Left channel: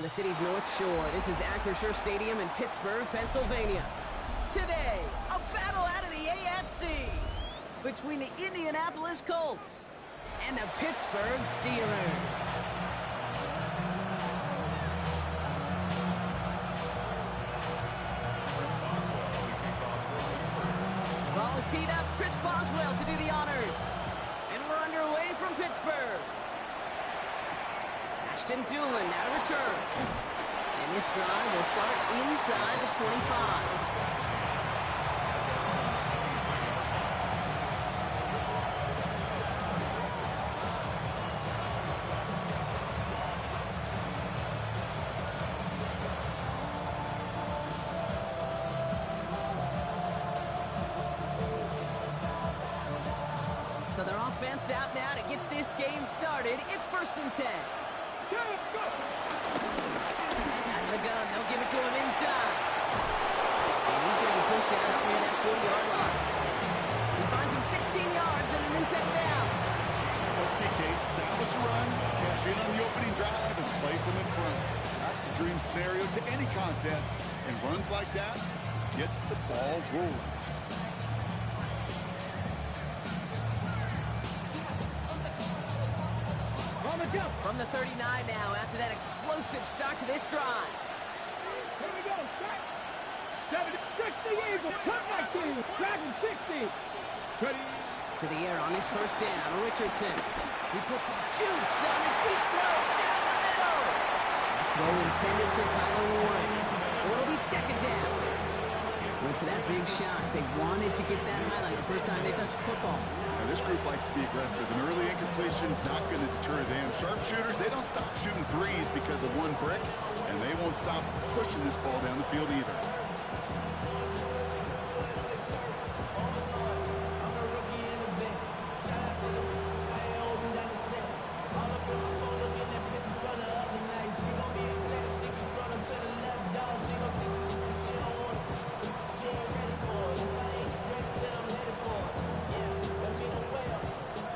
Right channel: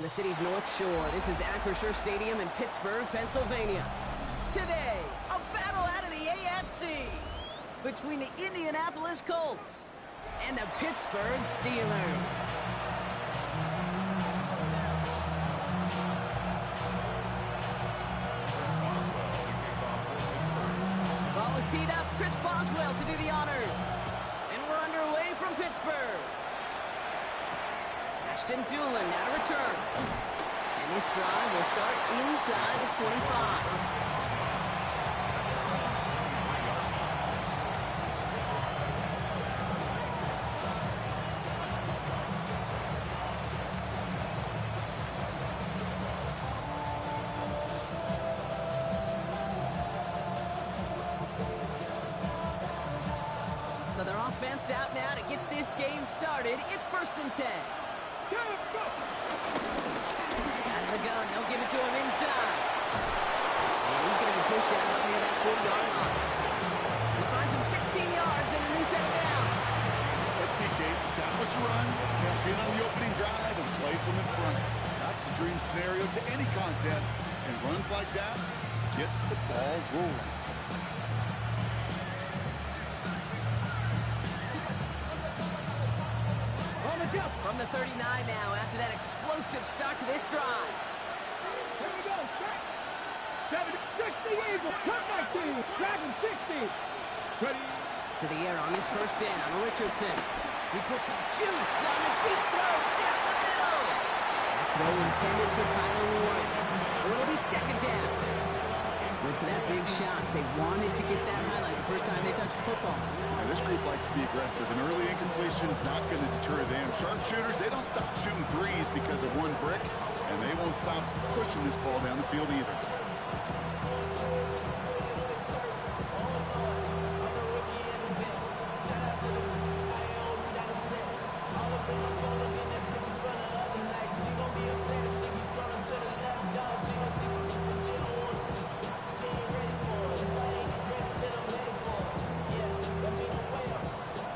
on the city's North Shore. This is Acrisure Stadium in Pittsburgh, Pennsylvania. Today, a battle out of the AFC between the Indianapolis Colts and the Pittsburgh Steelers. Ball is teed up. Chris Boswell to do the honors. And we're underway from Pittsburgh. Ashton Doolin now to return. And this drive will start inside the 25. So their offense out now to get this game started. It's 1st and 10. Out of the gun, they'll give it to him inside. And he's going to be pushed out up near that 40-yard line. He finds him 16 yards and a new set of downs. Let's see, Kate. Establish a run, cash in on the opening drive, and play from in front. That's the dream scenario to any contest. And runs like that gets the ball rolling. From the 39 now, after that explosive start to this drive. Here we go, start. 60 Eagles, cut back team, Dragon 60. Ready. To the air on this first down, Richardson. He puts some juice on a deep throw down the middle. That throw intended for Tyler Warren. So it'll be 2nd down. Went for that big shot. They wanted to get that highlight the first time they touched the football. And this group likes to be aggressive. An early incompletion is not going to deter them. Sharpshooters, they don't stop shooting threes because of one brick, and they won't stop pushing this ball down the field either.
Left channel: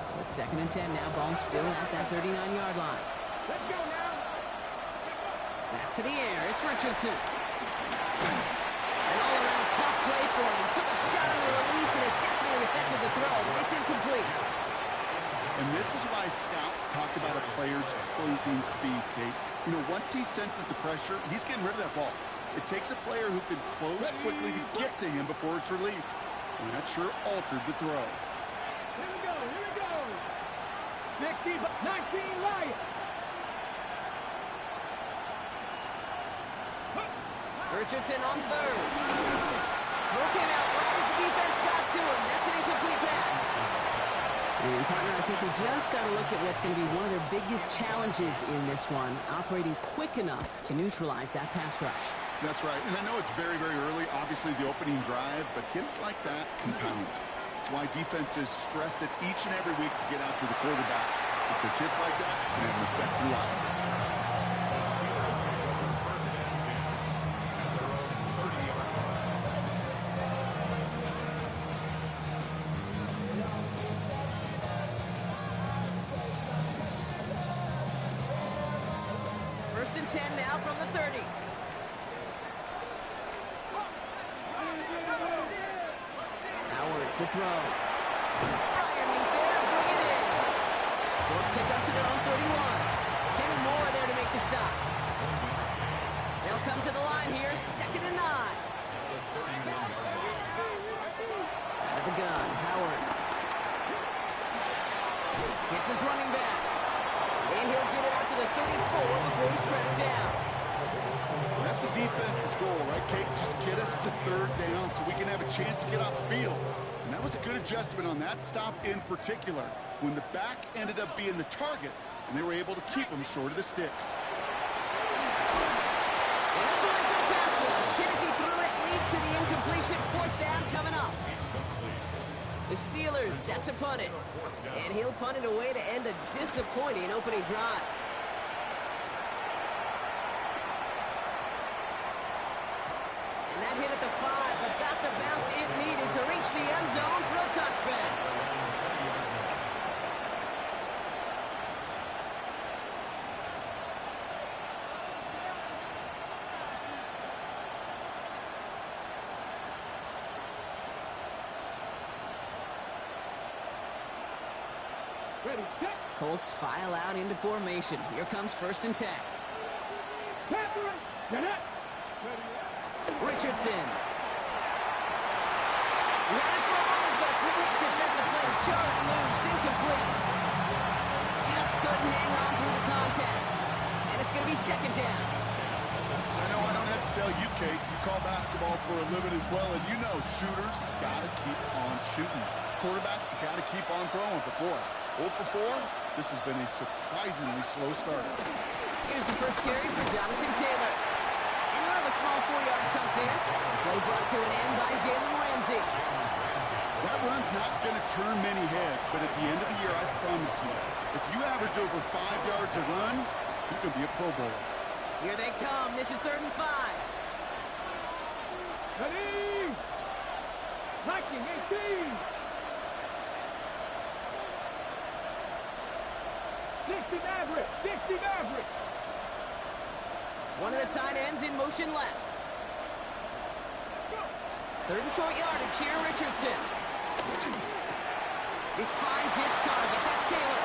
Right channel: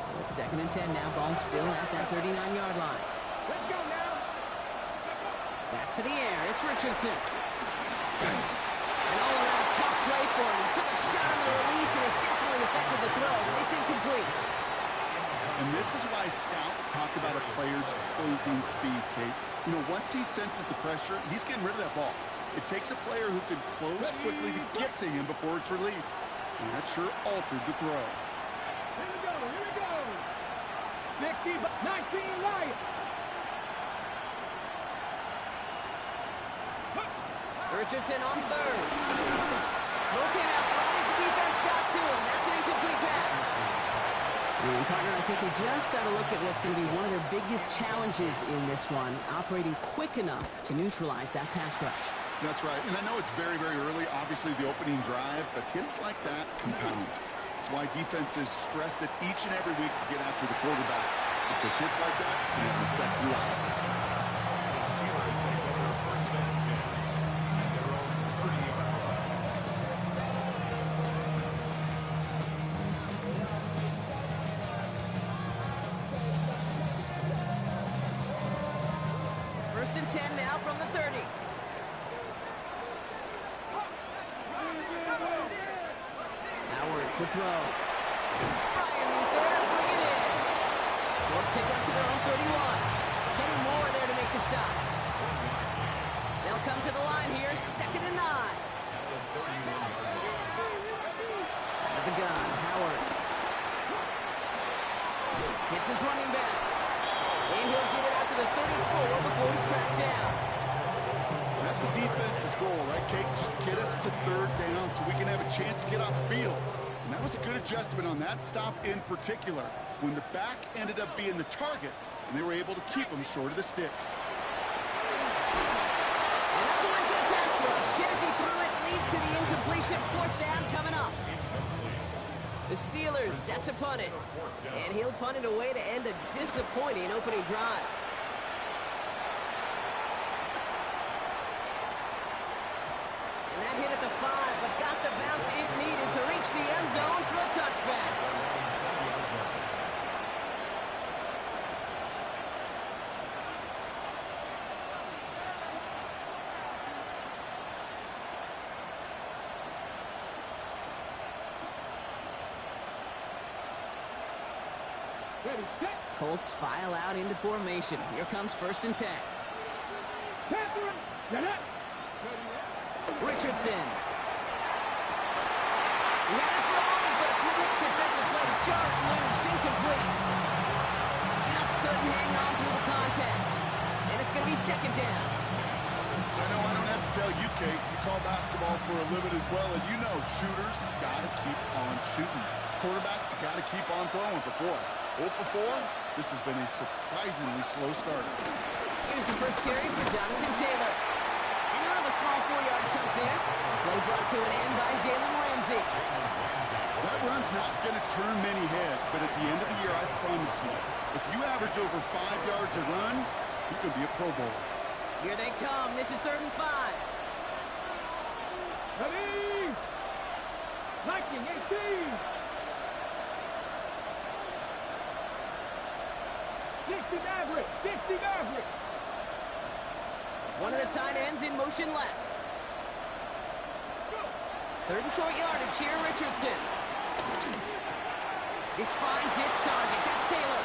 So it's 2nd and 10 now. Ball still at that 39-yard line. Let's go now. Back to the air. It's Richardson. An all-around tough play for him. He took a shot on the release, and it definitely affected the throw. It's incomplete. And this is why scouts talk about a player's closing speed, Kate. You know, once he senses the pressure, he's getting rid of that ball. It takes a player who can close quickly to get to him before it's released. And that sure altered the throw. Here we go, here we go. 60, 19 Lions. Richardson on 3rd. Throw came out right as the defense got to him. That's an incomplete pass. And, partner, I think we just got to look at what's going to be one of their biggest challenges in this one, operating quick enough to neutralize that pass rush. That's right. And I know it's very, very early, obviously the opening drive, but hits like that compound. That's why defenses stress it each and every week to get after the quarterback, because hits like that can have an effect throughout. The Steelers take over 1st and 10 at their own 30-yard line. First and 10 now from the 30. Howard to throw. Brian Meat there, bring it in. Short pick up to their own 31. Kenny Moore there to make the stop. They'll come to the line here, 2nd and 9. Out of the gun, Howard. Hits his running back. And he'll get it out to the 34 before he's tracked down. That's the defense's goal, right, Kate? Just get us to 3rd down so we can have a chance to get off the field. And that was a good adjustment on that stop in particular, when the back ended up being the target, and they were able to keep him short of the sticks. And that's a win for the pass rush. Hit as he threw it, leads to the incompletion. 4th down coming up. The Steelers set to punt it. And he'll punt it away to end a disappointing opening drive. And that hit at the 5, but got the bounce it needed to reach the end zone for a touchback. Ready, set. Colts file out into formation. Here comes 1st and 10. Catherine, get up. Ready, Richardson. He had it for a moment, but a quick defensive play to jar it loose. Incomplete. Just couldn't hang on through the contact. And it's going to be 2nd down. I know I don't have to tell you, Kate. You call basketball for a living as well, and you know shooters got to keep on shooting. Quarterbacks got to keep on throwing. But boy, 0 for 4, this has been a surprisingly slow start. Here's the first carry for Jonathan Taylor. And he'll have a small 4-yard chunk there. Play brought to an end by Jalen Ramsey. That run's not going to turn many heads, but at the end of the year, I promise you, if you average over 5 yards a run, you can be a Pro Bowler. Here they come. This is 3rd and 5. ready. Viking 18. 60 Maverick, 60 Maverick. One of the tight ends in motion left. 3rd and short yardage here, Richardson. This finds its target. That's Taylor.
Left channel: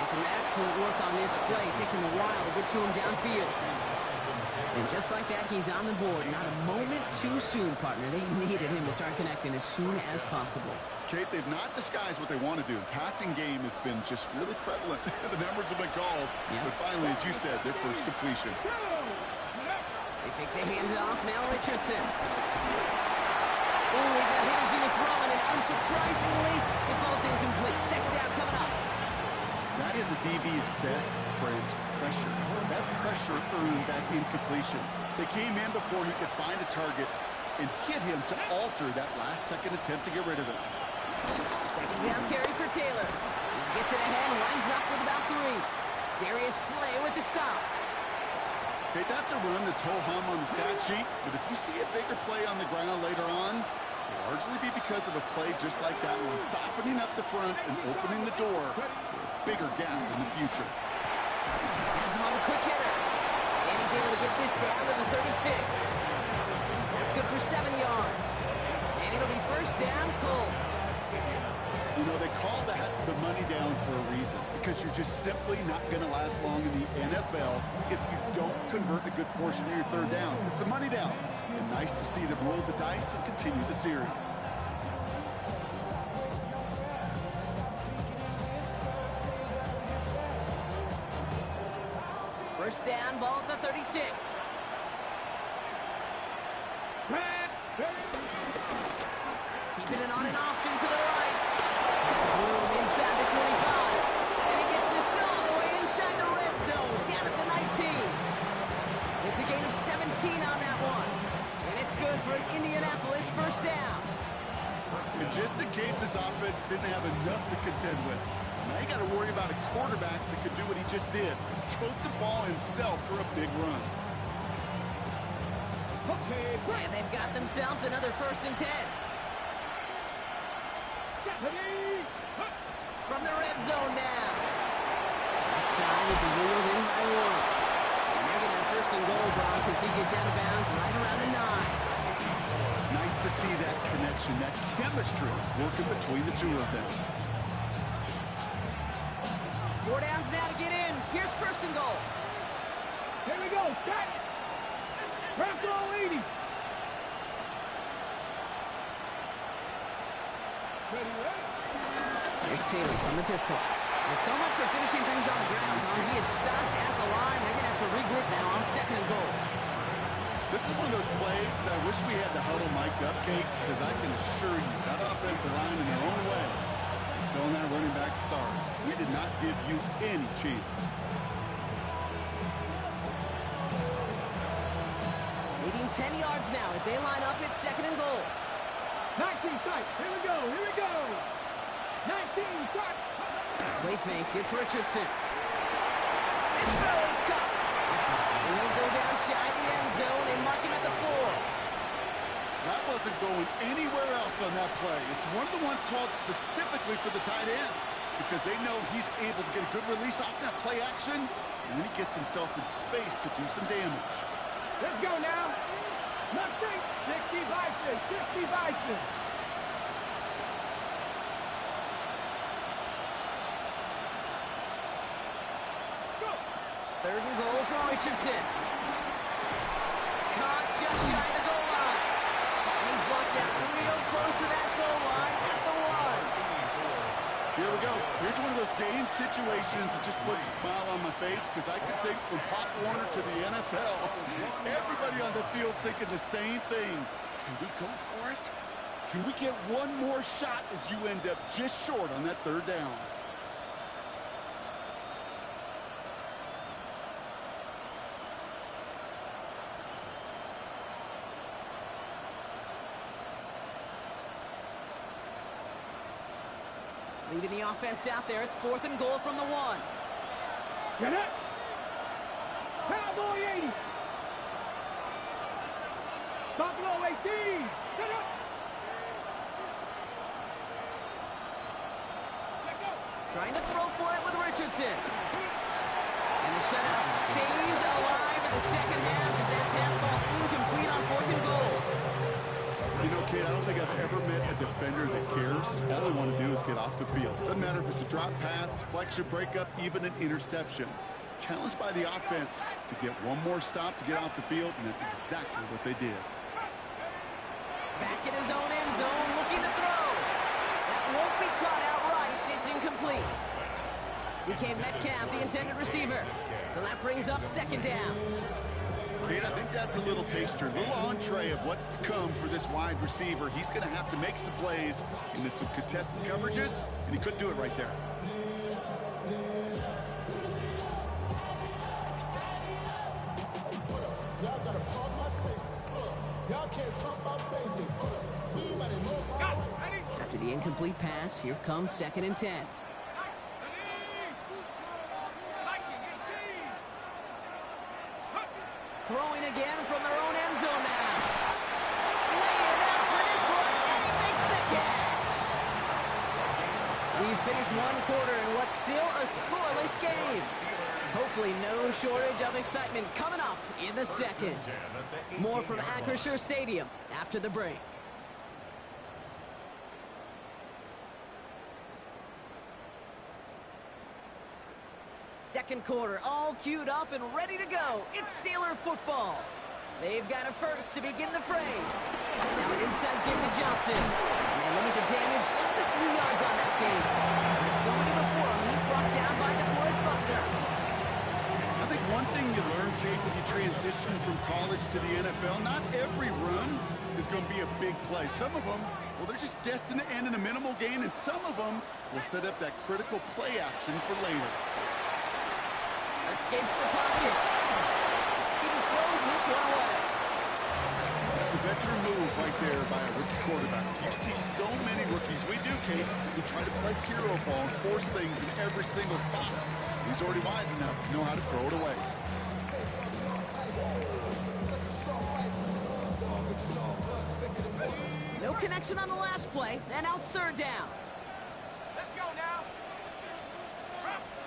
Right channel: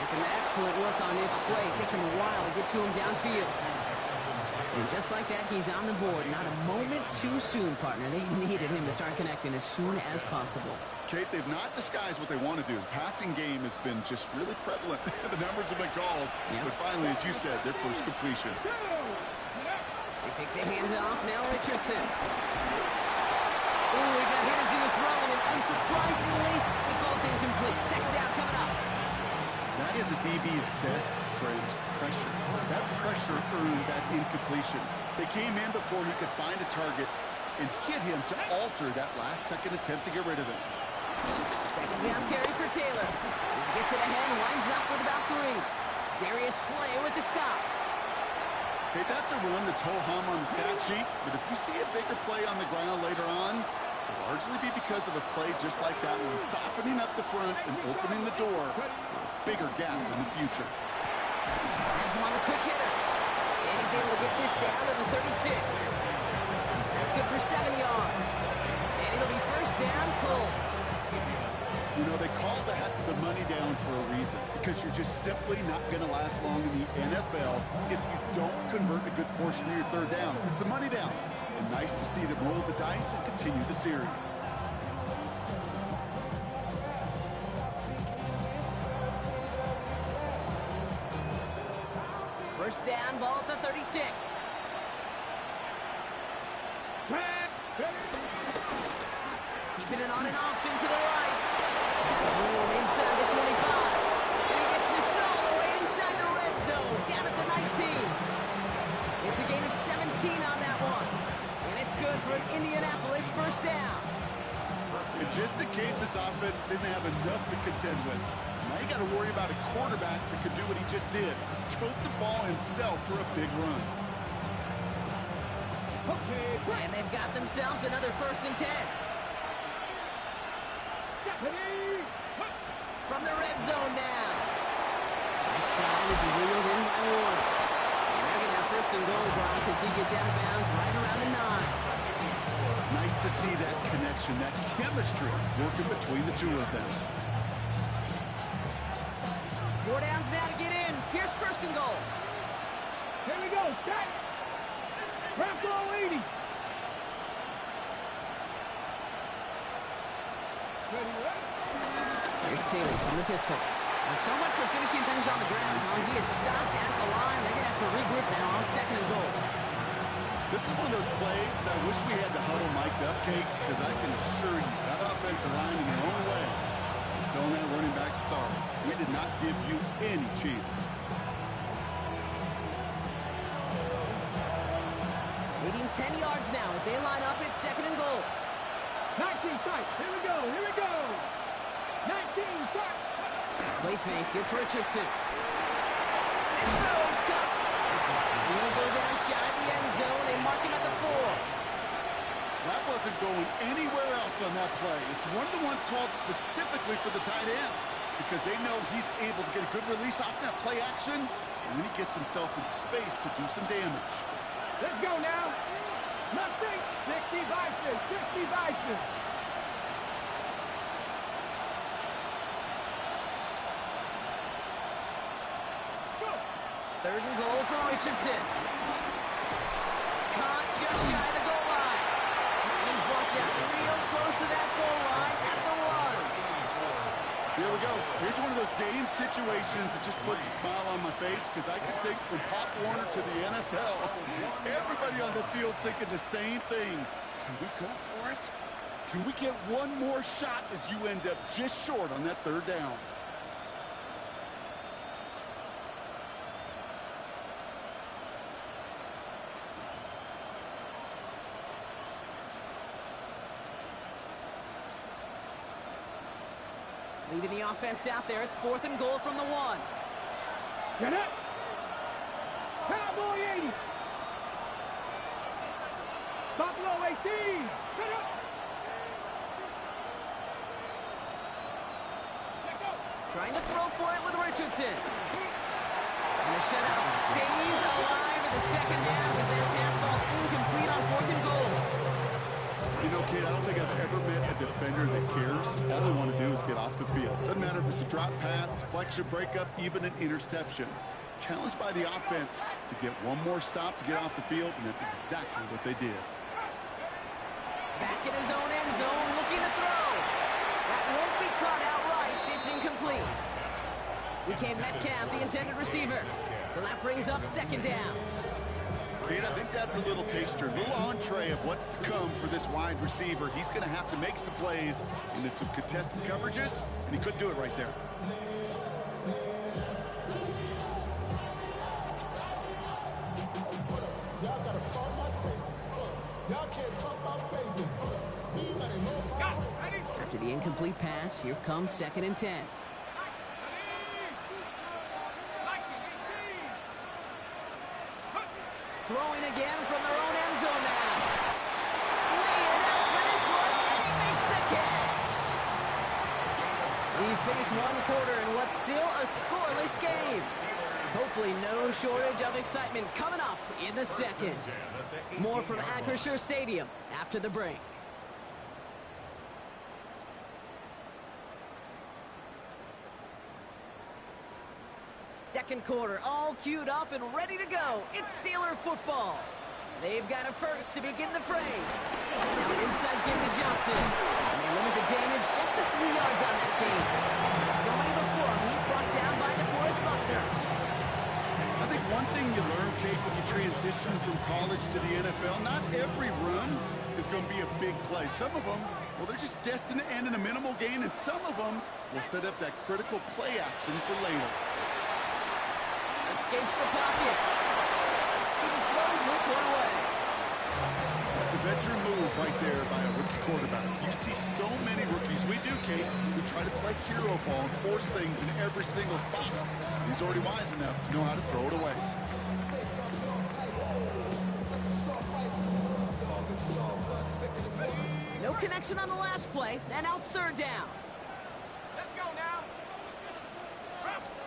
And some excellent work on this play. It takes him a while to get to him downfield. And just like that, he's on the board. Not a moment too soon, partner. They needed him to start connecting as soon as possible. Kate, they've not disguised what they want to do. The passing game has been just really prevalent. The numbers have been called. Yep. But finally, as you said, their first completion. They fake the handoff. Now Richardson. Ooh, he got hit as he was throwing, and unsurprisingly, it falls incomplete. 2nd down coming up. That is a DB's best friend, pressure. That pressure earned that incompletion. They came in before he could find a target and hit him to alter that last-second attempt to get rid of it. 2nd down carry for Taylor. He gets it ahead, winds up with about 3. Darius Slay with the stop. Okay, that's a run that's ho-hum on the stat sheet, but if you see a bigger play on the ground later on, it'll largely be because of a play just like that one, softening up the front and opening the door for a bigger gap in the future. Has him on the quick hitter. And he's able to get this down to the 36. That's good for 7 yards. And it'll be 1st down, Colts. You know, they call that the money down for a reason, because you're just simply not going to last long in the NFL if you don't convert a good portion of your 3rd downs. It's the money down. And nice to see them roll the dice and continue the series. First down, ball at the 36. Keeping it on an option to the right. Has room inside the 25. And he gets this all the way inside the red zone, down at the 19. It's a gain of 17 on that one. And it's good for an Indianapolis 1st down. And just in case this offense didn't have enough to contend with, now you got to worry about a quarterback that could do what he just did. Tote the ball himself for a big run. Okay, And they've got themselves another 1st and 10. ready. From the red zone now. That side is wheeled in by Warren. And they're going to have 1st and goal, Brown, because he gets out of bounds right around the 9. Nice to see that connection, that chemistry working between the two of them. 4 downs now to get in. Here's 1st and goal. Here we go, set. Bronco 80. Ready, ready. Here's Taylor from the pistol. Well, so much for finishing things on the ground, huh? He is stopped at the line. They're going to have to regroup now on 2nd and goal. This is one of those plays that I wish we had the huddle mic'd up, Kate, because I can assure you that offensive line in their own way is telling that running back, sorry, we did not give you any chance. Needing 10 yards now as they line up at 2nd and goal. 19 strike. Here we go. Here we go. 19 strike. Play fake. It's Richardson. This throw is cut. And he'll go down shy of the end zone. They mark him at the 4. That wasn't going anywhere else on that play. It's one of the ones called specifically for the tight end because they know he's able to get a good release off that play action, and then he gets himself in space to do some damage. Let's go now. Nothing. 60 Vices. 60 Vices. Third and goal for Richardson. Caught just shy of the goal line. And he's blocked out real close to that goal line at the 1. Here we go. Here's one of those game situations that just puts a smile on my face because I can think from Pop Warner to the NFL. Everybody on the field thinking the same thing. Can we go for it? Can we get one more shot as you end up just short on that third down? Leaving the offense out there. It's 4th and goal from the 1. Get up. Cowboy 80. Buffalo 18. Get up. Let go. Trying to throw for it with Richardson. And the shutout stays alive in the second half as that pass falls incomplete on 4th and goal. You know, Kate, I don't think I've ever met a defender that cares. All they want to do is get off the field. Doesn't matter if it's a drop pass, deflection, breakup, even an interception. Challenged by the offense to get one more stop to get off the field, and that's exactly what they did. Back in his own end zone, looking to throw. That won't be caught outright. It's incomplete. DK Metcalf, the intended receiver. So that brings up 2nd down. Kate, I think that's a little taster, a little entree of what's to come for this wide receiver. He's going to have to make some plays into some contested coverages, and he couldn't do it right there. Y'all gotta pump my taste. Y'all can't talk about basic. Anybody know my way? After the incomplete pass, here comes 2nd and 10. Throwing again from their own end zone now. Laying out for this one, and he makes the catch. We've finished 1 quarter in what's still a scoreless game. Hopefully no shortage of excitement coming up in the second. More from Acrisure Stadium after the break. Second quarter, all queued up and ready to go. It's Steeler football. They've got a first to begin the fray. Now an inside kick to Johnson. And they limit the damage just a few yards on that game. Like so many before him, he's brought down by DeForest Buckner. I think one thing you learn, Kate, when you transition from college to the NFL, not every run is going to be a big play. Some of them, well, they're just destined to end in a minimal gain, and some of them will set up that critical play action for later. Escapes the pocket. He just throws this one away. That's a veteran move right there by a rookie quarterback. You see so many rookies, we do, Kate, who try to play hero ball and force things in every single spot. He's already wise enough to know how to throw it away. No connection on the last play, and out 3rd down. Let's go now.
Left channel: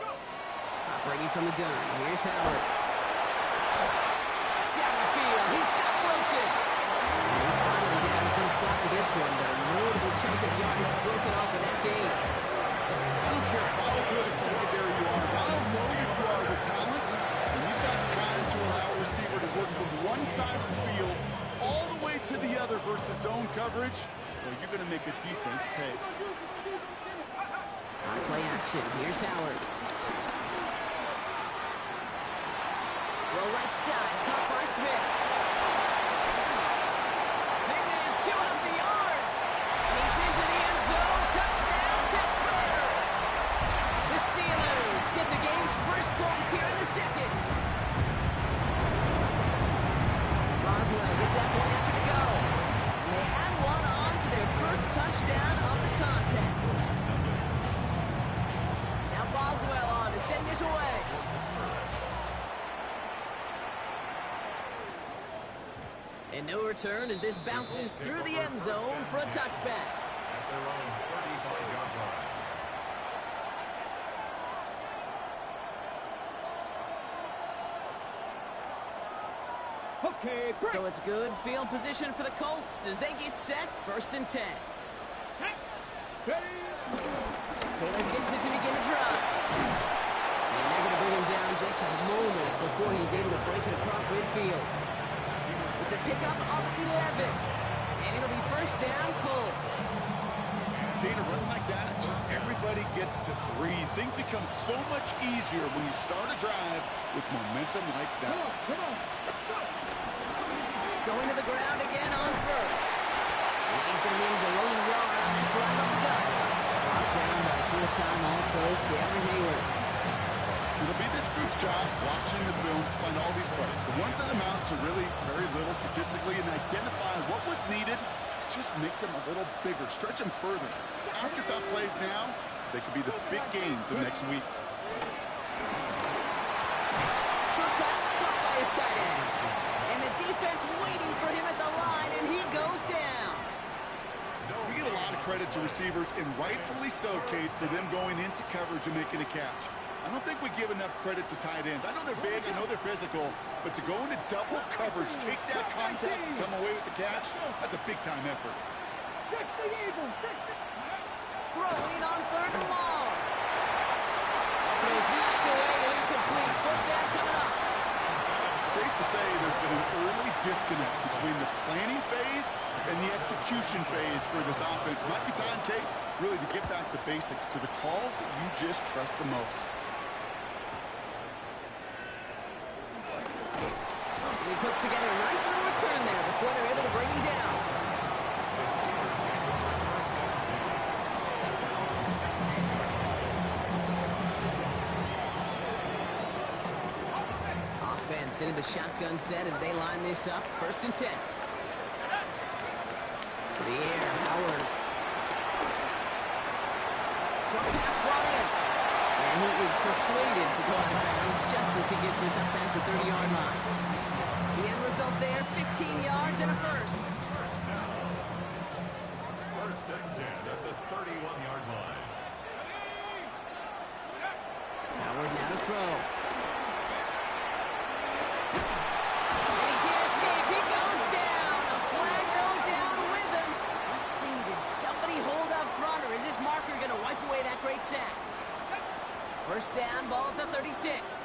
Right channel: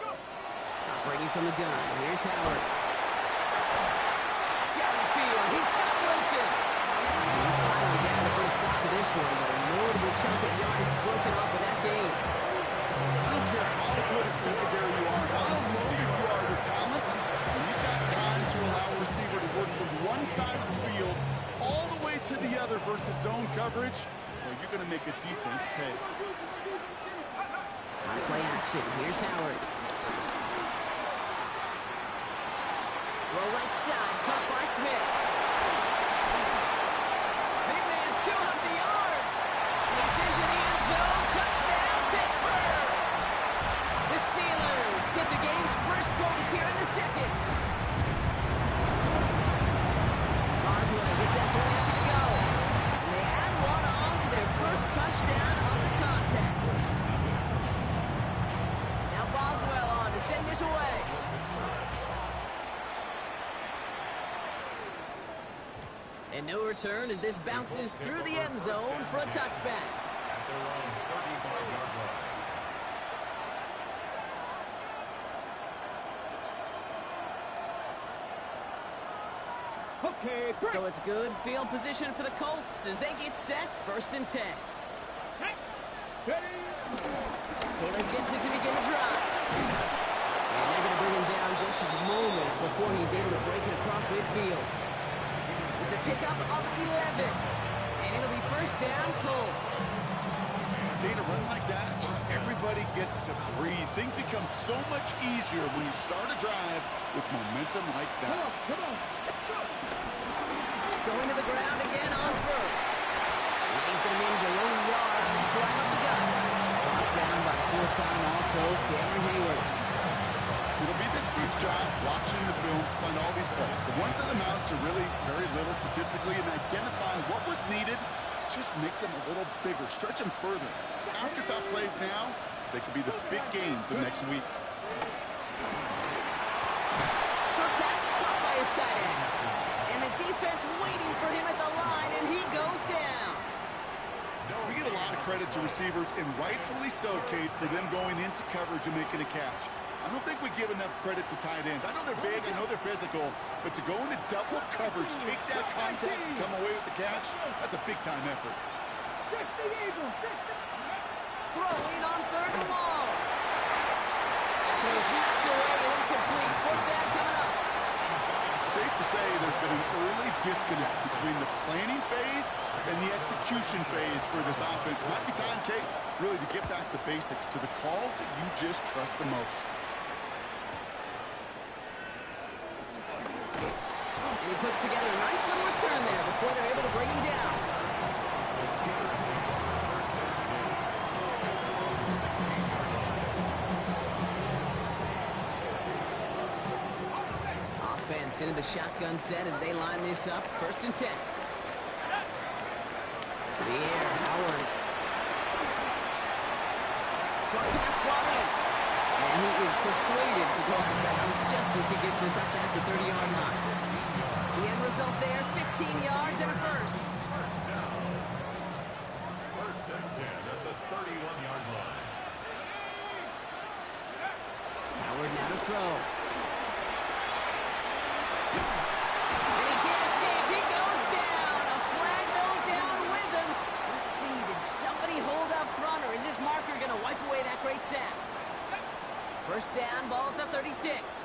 Go. Operating from the gun, here's Howard. Down the field, he's got Wilson. And he's finally down to put a stop to this one, but a notable chunk of yardage broken off of that game. I don't care how good a secondary you are, how loaded you are with talent, when you've got time to allow a receiver to work from one side of the field all the way to the other versus zone coverage, well, you're going to make a defense pay. On play action, here's Howard. Roll right side, caught by Smith. Big man showing up the yards. And he's into the end zone. Touchdown, Pittsburgh. The Steelers get the game's first points here in the second. Boswell gets that point after to go. And they add one on to their first touchdown of the contest. Now Boswell on to send this away. And no return as this bounces through the end zone for a touchback. At their own 35-yard line. Okay, break. So it's good field position for the Colts as they get set 1st and 10. Ready. Taylor gets it to begin the drive. And they're going to bring him down just a moment before he's able to break it across midfield. It's a pickup of 11. And it'll be first down, Colts. Kate, a run like that, just everybody gets to breathe. Things become so much easier when you start a drive with momentum like that. Come on. Going to the ground again on first. And he's going to manage a lone yard on that drive up the gut. Brought down by full-time All-Pro Cameron Hayward. It'll be this group's job watching the film to find all these plays. The ones that amount to really very little statistically and identify what was needed to just make them a little bigger, stretch them further. Afterthought plays now, they could be the big gains of next week. Short pass caught by his tight end. And the defense waiting for him at the line, and he goes down. We get a lot of credit to receivers, and rightfully so, Kate, for them going into coverage and making a catch. I don't think we give enough credit to tight ends. I know they're big, I know they're physical, but to go into double coverage, take that contact, and come away with the catch, that's a big-time effort. Throwing on third and long. That throw's knocked away and incomplete. Fourth down coming up. Safe to say there's been an early disconnect between the planning phase and the execution phase for this offense. Might be time, Kate, really to get back to basics, to the calls that you just trust the most. And he puts together a nice little return there before they're able to bring him down. The Steelers take over first and 10. 16-yard line. Offense into the shotgun set as they line this up. First and 10. To the air, Howard. Short pass brought in. And he is persuaded to go out of bounds just as he gets this up past the 30-yard line. The end result there, 15 yards and a first. First down. First and 10 at the 31-yard line. Howard now to throw. And he can't escape. He goes down. A flag though down with him. Let's see, did somebody hold up front, or is this marker going to wipe away that great sack? First down, ball at the 36.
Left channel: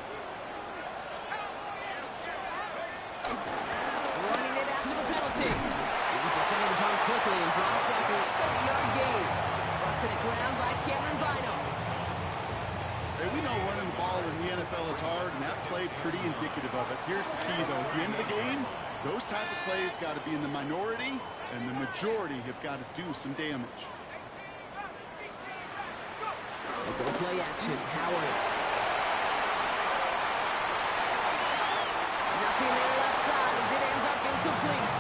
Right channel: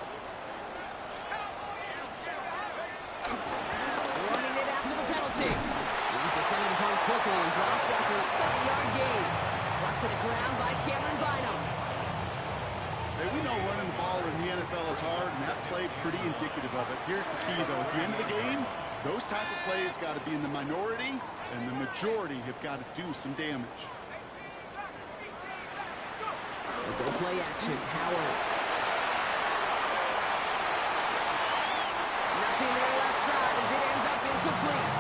Running it after the penalty. He was descended upon quickly and dropped after a 7-yard gain. Brought to the ground by Cameron Bynum. Hey, we know running the ball in the NFL is hard, and that play pretty indicative of it. Here's the key, though. At the end of the game, those type of plays got to be in the minority, and the majority have got to do some damage. Go play action, Howard. Nothing there left side as it ends up incomplete.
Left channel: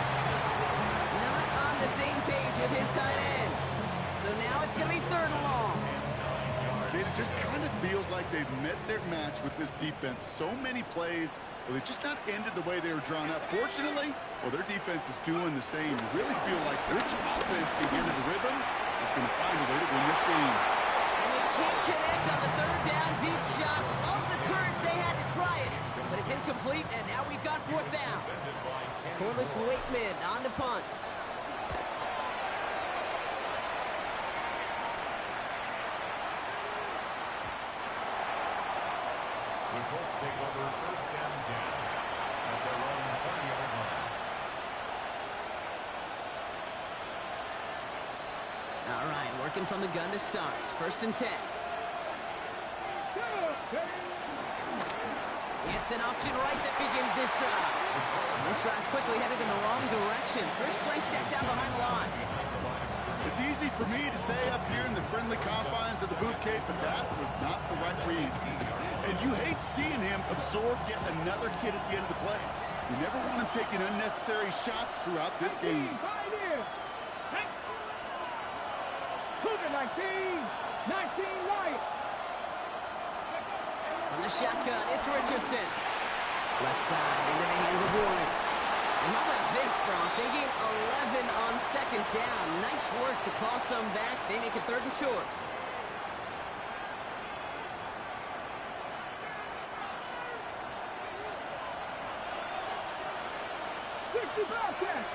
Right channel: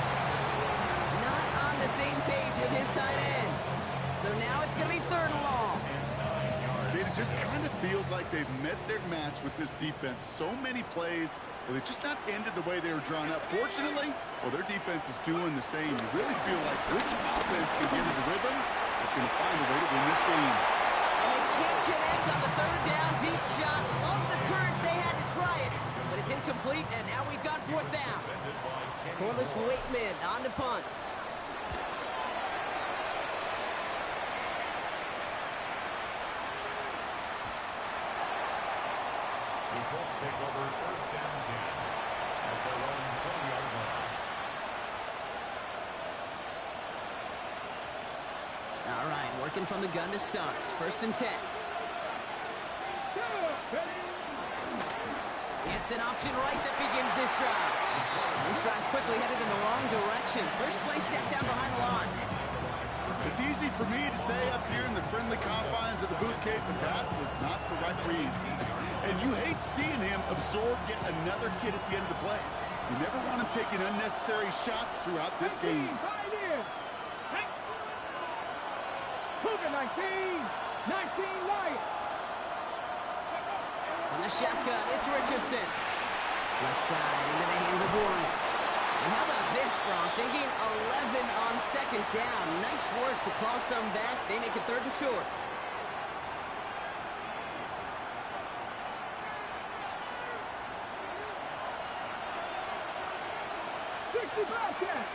Not on the same page with his tight end. So now it's going to be third and long. It just kind of feels like they've met their match with this defense. So many plays, well, they just not ended the way they were drawn up. Fortunately, well, their defense is doing the same. You really feel like which offense can get into rhythm is going to find a way to win this game. And they can't connect on the third down deep shot. Love the courage they had to try it, but it's incomplete, and now we've got fourth down. Corliss Waitman on the punt. The Colts take over first and 10 at their own 20-yard line. All right, working from the gun to start. First and 10. It's an option right that begins this drive. This drive's quickly headed in the wrong direction. First play set down behind the line. It's easy for me to say up here in the friendly confines of the booth, Kate, but that was not the right read. And you hate seeing him absorb yet another hit at the end of the play. You never want him taking unnecessary shots throughout this game. Cougar 19 right. On the shotgun, it's Richardson. Left side into the hands of Warren. And how about this, Bronk? They gain 11 on second down. Nice work to claw some back. They make it third and short.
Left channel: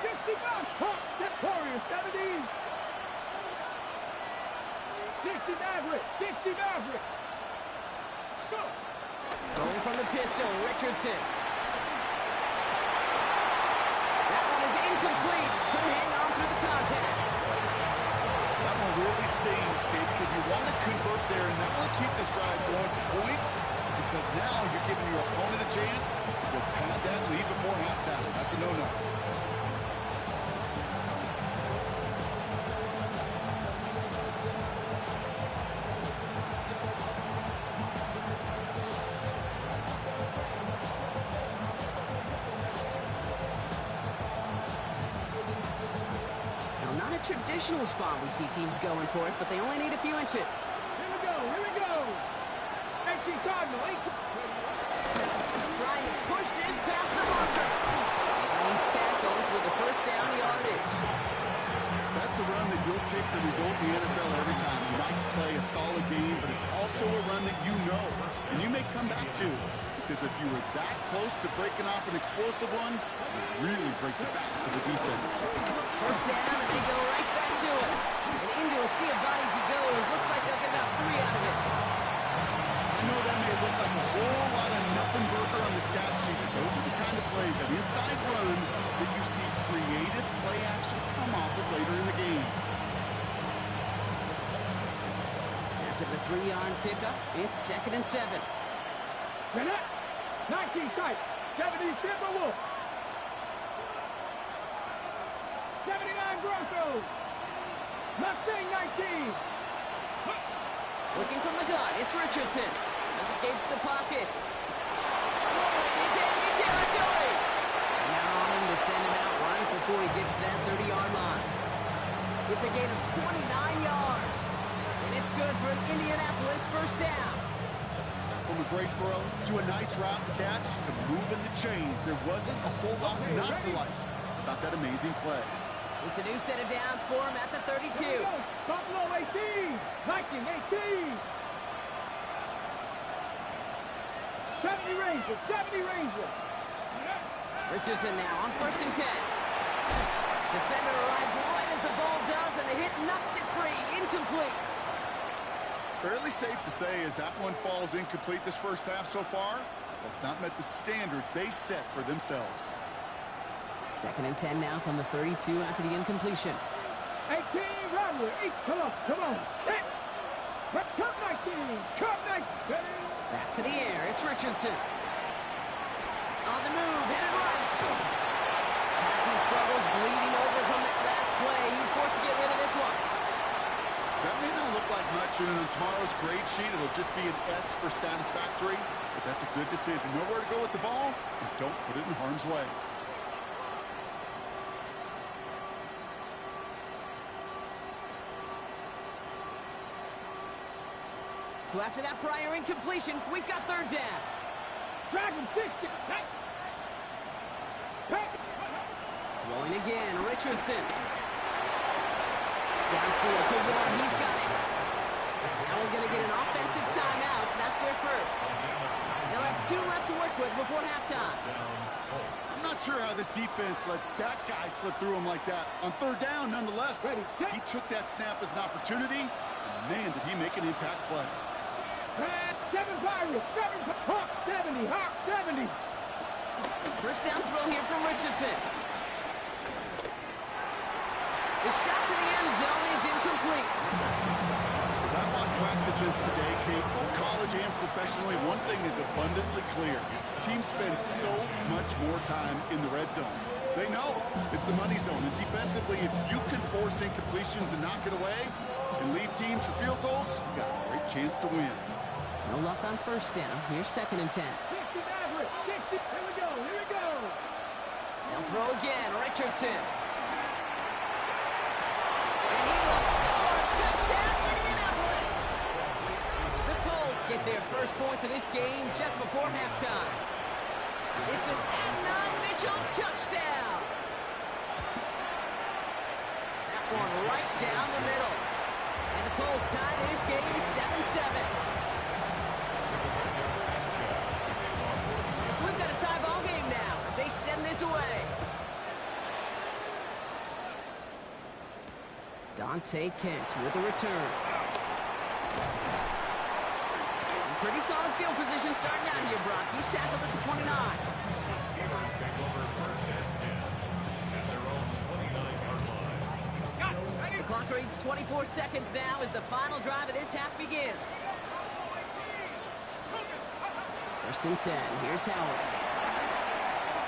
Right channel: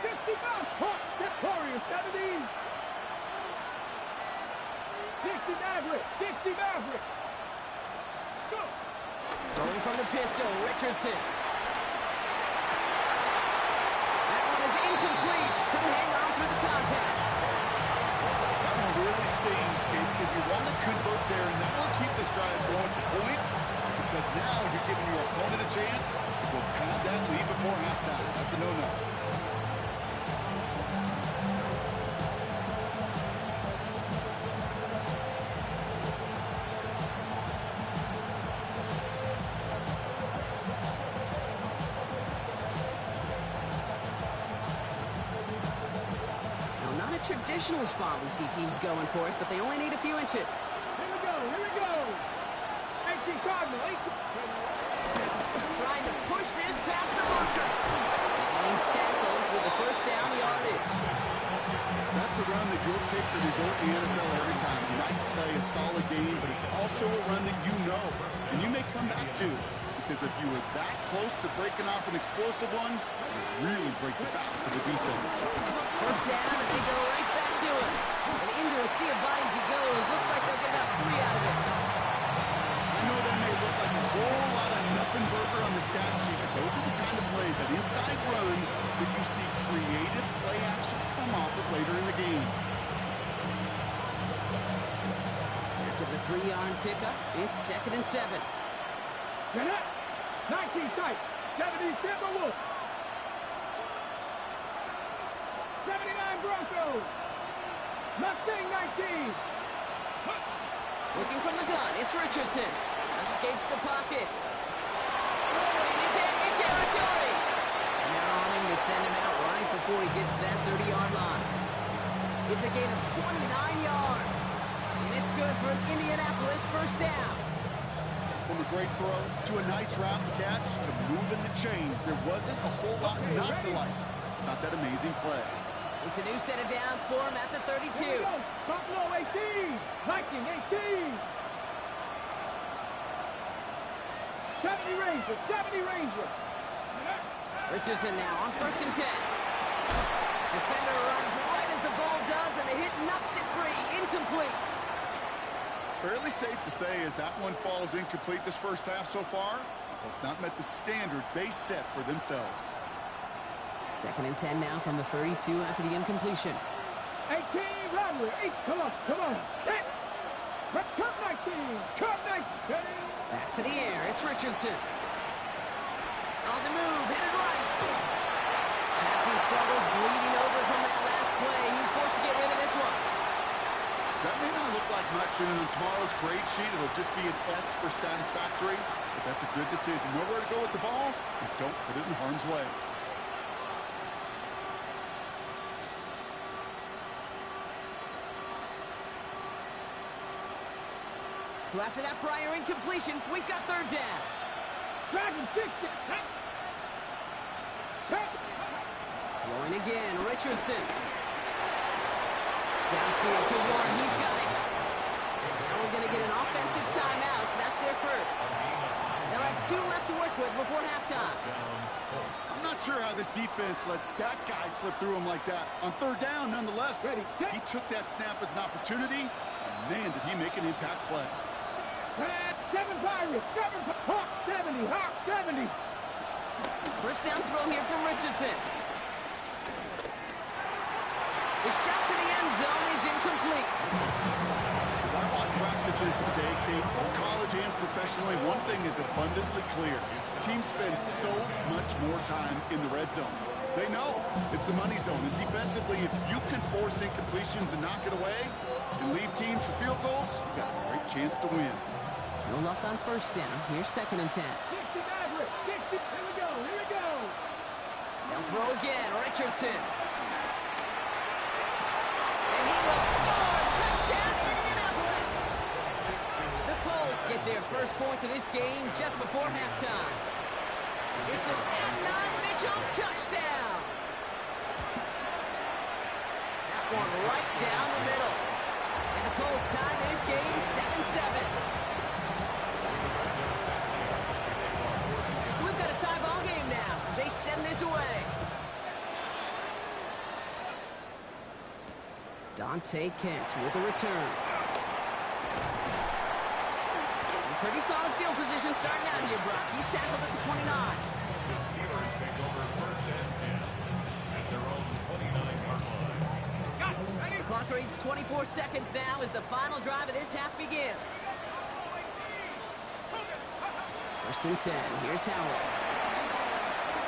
65. Hawk, that's Warriors, 70. 60 Maverick. Let's go. Throwing from the pistol, Richardson. That one is incomplete. Couldn't hang on through the contact. That one really stings, Kate, because you want to convert there and not only keep this drive going for points, because now you're giving your opponent a chance to go pad that lead before halftime. That's a no-no. Now, not a traditional spot we see teams going for it, but they only need a few inches. Here we go, here we go. AC Cardinal, Trying to push this past the marker. And he's tackled with the first down yardage. That's a run that you'll take the result in the NFL every time. Nice play, a solid game, but it's also a run that you know, and you may come back to. Because if you were that close to breaking off an explosive one, you really break the backs of the defense. First down, and they go right back to it. And into a sea of bodies he goes. Looks like they'll get about 3 out of it. I know that may look like a whole lot of nothing burger on the stat sheet, but those are the kind of plays, that inside run, that you see creative play action come off of later in the game. After the 3-yard pickup, it's 2nd and 7. Get up. 19 tight. 70 Timberwolves. 79 Broncos. Mustang 19. Looking from the gun, it's Richardson. Escapes the pocket. Rolling into enemy territory. And they're on him to send him out right before he gets to that 30-yard line. It's a gain of 29 yards. And it's good for an Indianapolis first down. From a great throw to a nice route and catch to moving the chains, there wasn't a whole lot not to like about that amazing play. It's a new set of downs for him at the 32. Here we go. Buffalo 18. Viking 18. 70 Rangers. 70 Rangers. Richardson now on 1st and 10. Defender arrives right as the ball does, and the hit knocks it free. Incomplete. Fairly safe to say as that one falls incomplete this first half so far, well, it's not met the standard they set for themselves. 2nd and 10 now from the 32 after the incompletion. 18 Rattler. Come on, come on. Set. Cup 19. Cup 19. Back to the air. It's Richardson. On the move. Headed right. Passing struggles bleeding over from that last play. He's forced to get rid of this one. That may not look like much on tomorrow's grade sheet. It'll just be an S for satisfactory, but that's a good decision. Nowhere to go with the ball, and don't put it in harm's way. So after that prior incompletion, we've got 3rd down. Dragon 60. Throwing again, Richardson. Downfield to Warren, he's got it. Now we're going to get an offensive timeout, so that's their first. They'll have 2 left to work with before halftime. I'm not sure how this defense let that guy slip through him like that. On 3rd down, nonetheless, he took that snap as an opportunity, and man, did he make an impact play. 7 Pirates. 7 Hawk 70. Hawk 70. First down throw here from Richardson. The shot to the end zone is incomplete. As I watch practices today, Kate, both college and professionally, one thing is abundantly clear. Teams spend so much more time in the red zone. They know it's the money zone. And defensively, if you can force incompletions and knock it away and leave teams for field goals, you got a great chance to win. No luck on first down. Here's 2nd and 10. 60 Maverick. 60. Here we go. Here we go. They'll throw again. Richardson. And he will score. Touchdown, Indianapolis. The Colts get their first points of this game just before halftime. It's an Adnan Mitchell touchdown. That one right down the middle. And the Colts tie this game 7-7. So we've got a tie ball game now as they send this away. Dante Kent with a return. Pretty solid field position starting out here, Brock. He's tackled at the 29. The Steelers take over first and 10 at their own 29-yard line. The clock reads 24 seconds now as the final drive of this half begins. First and 10. Here's Howard.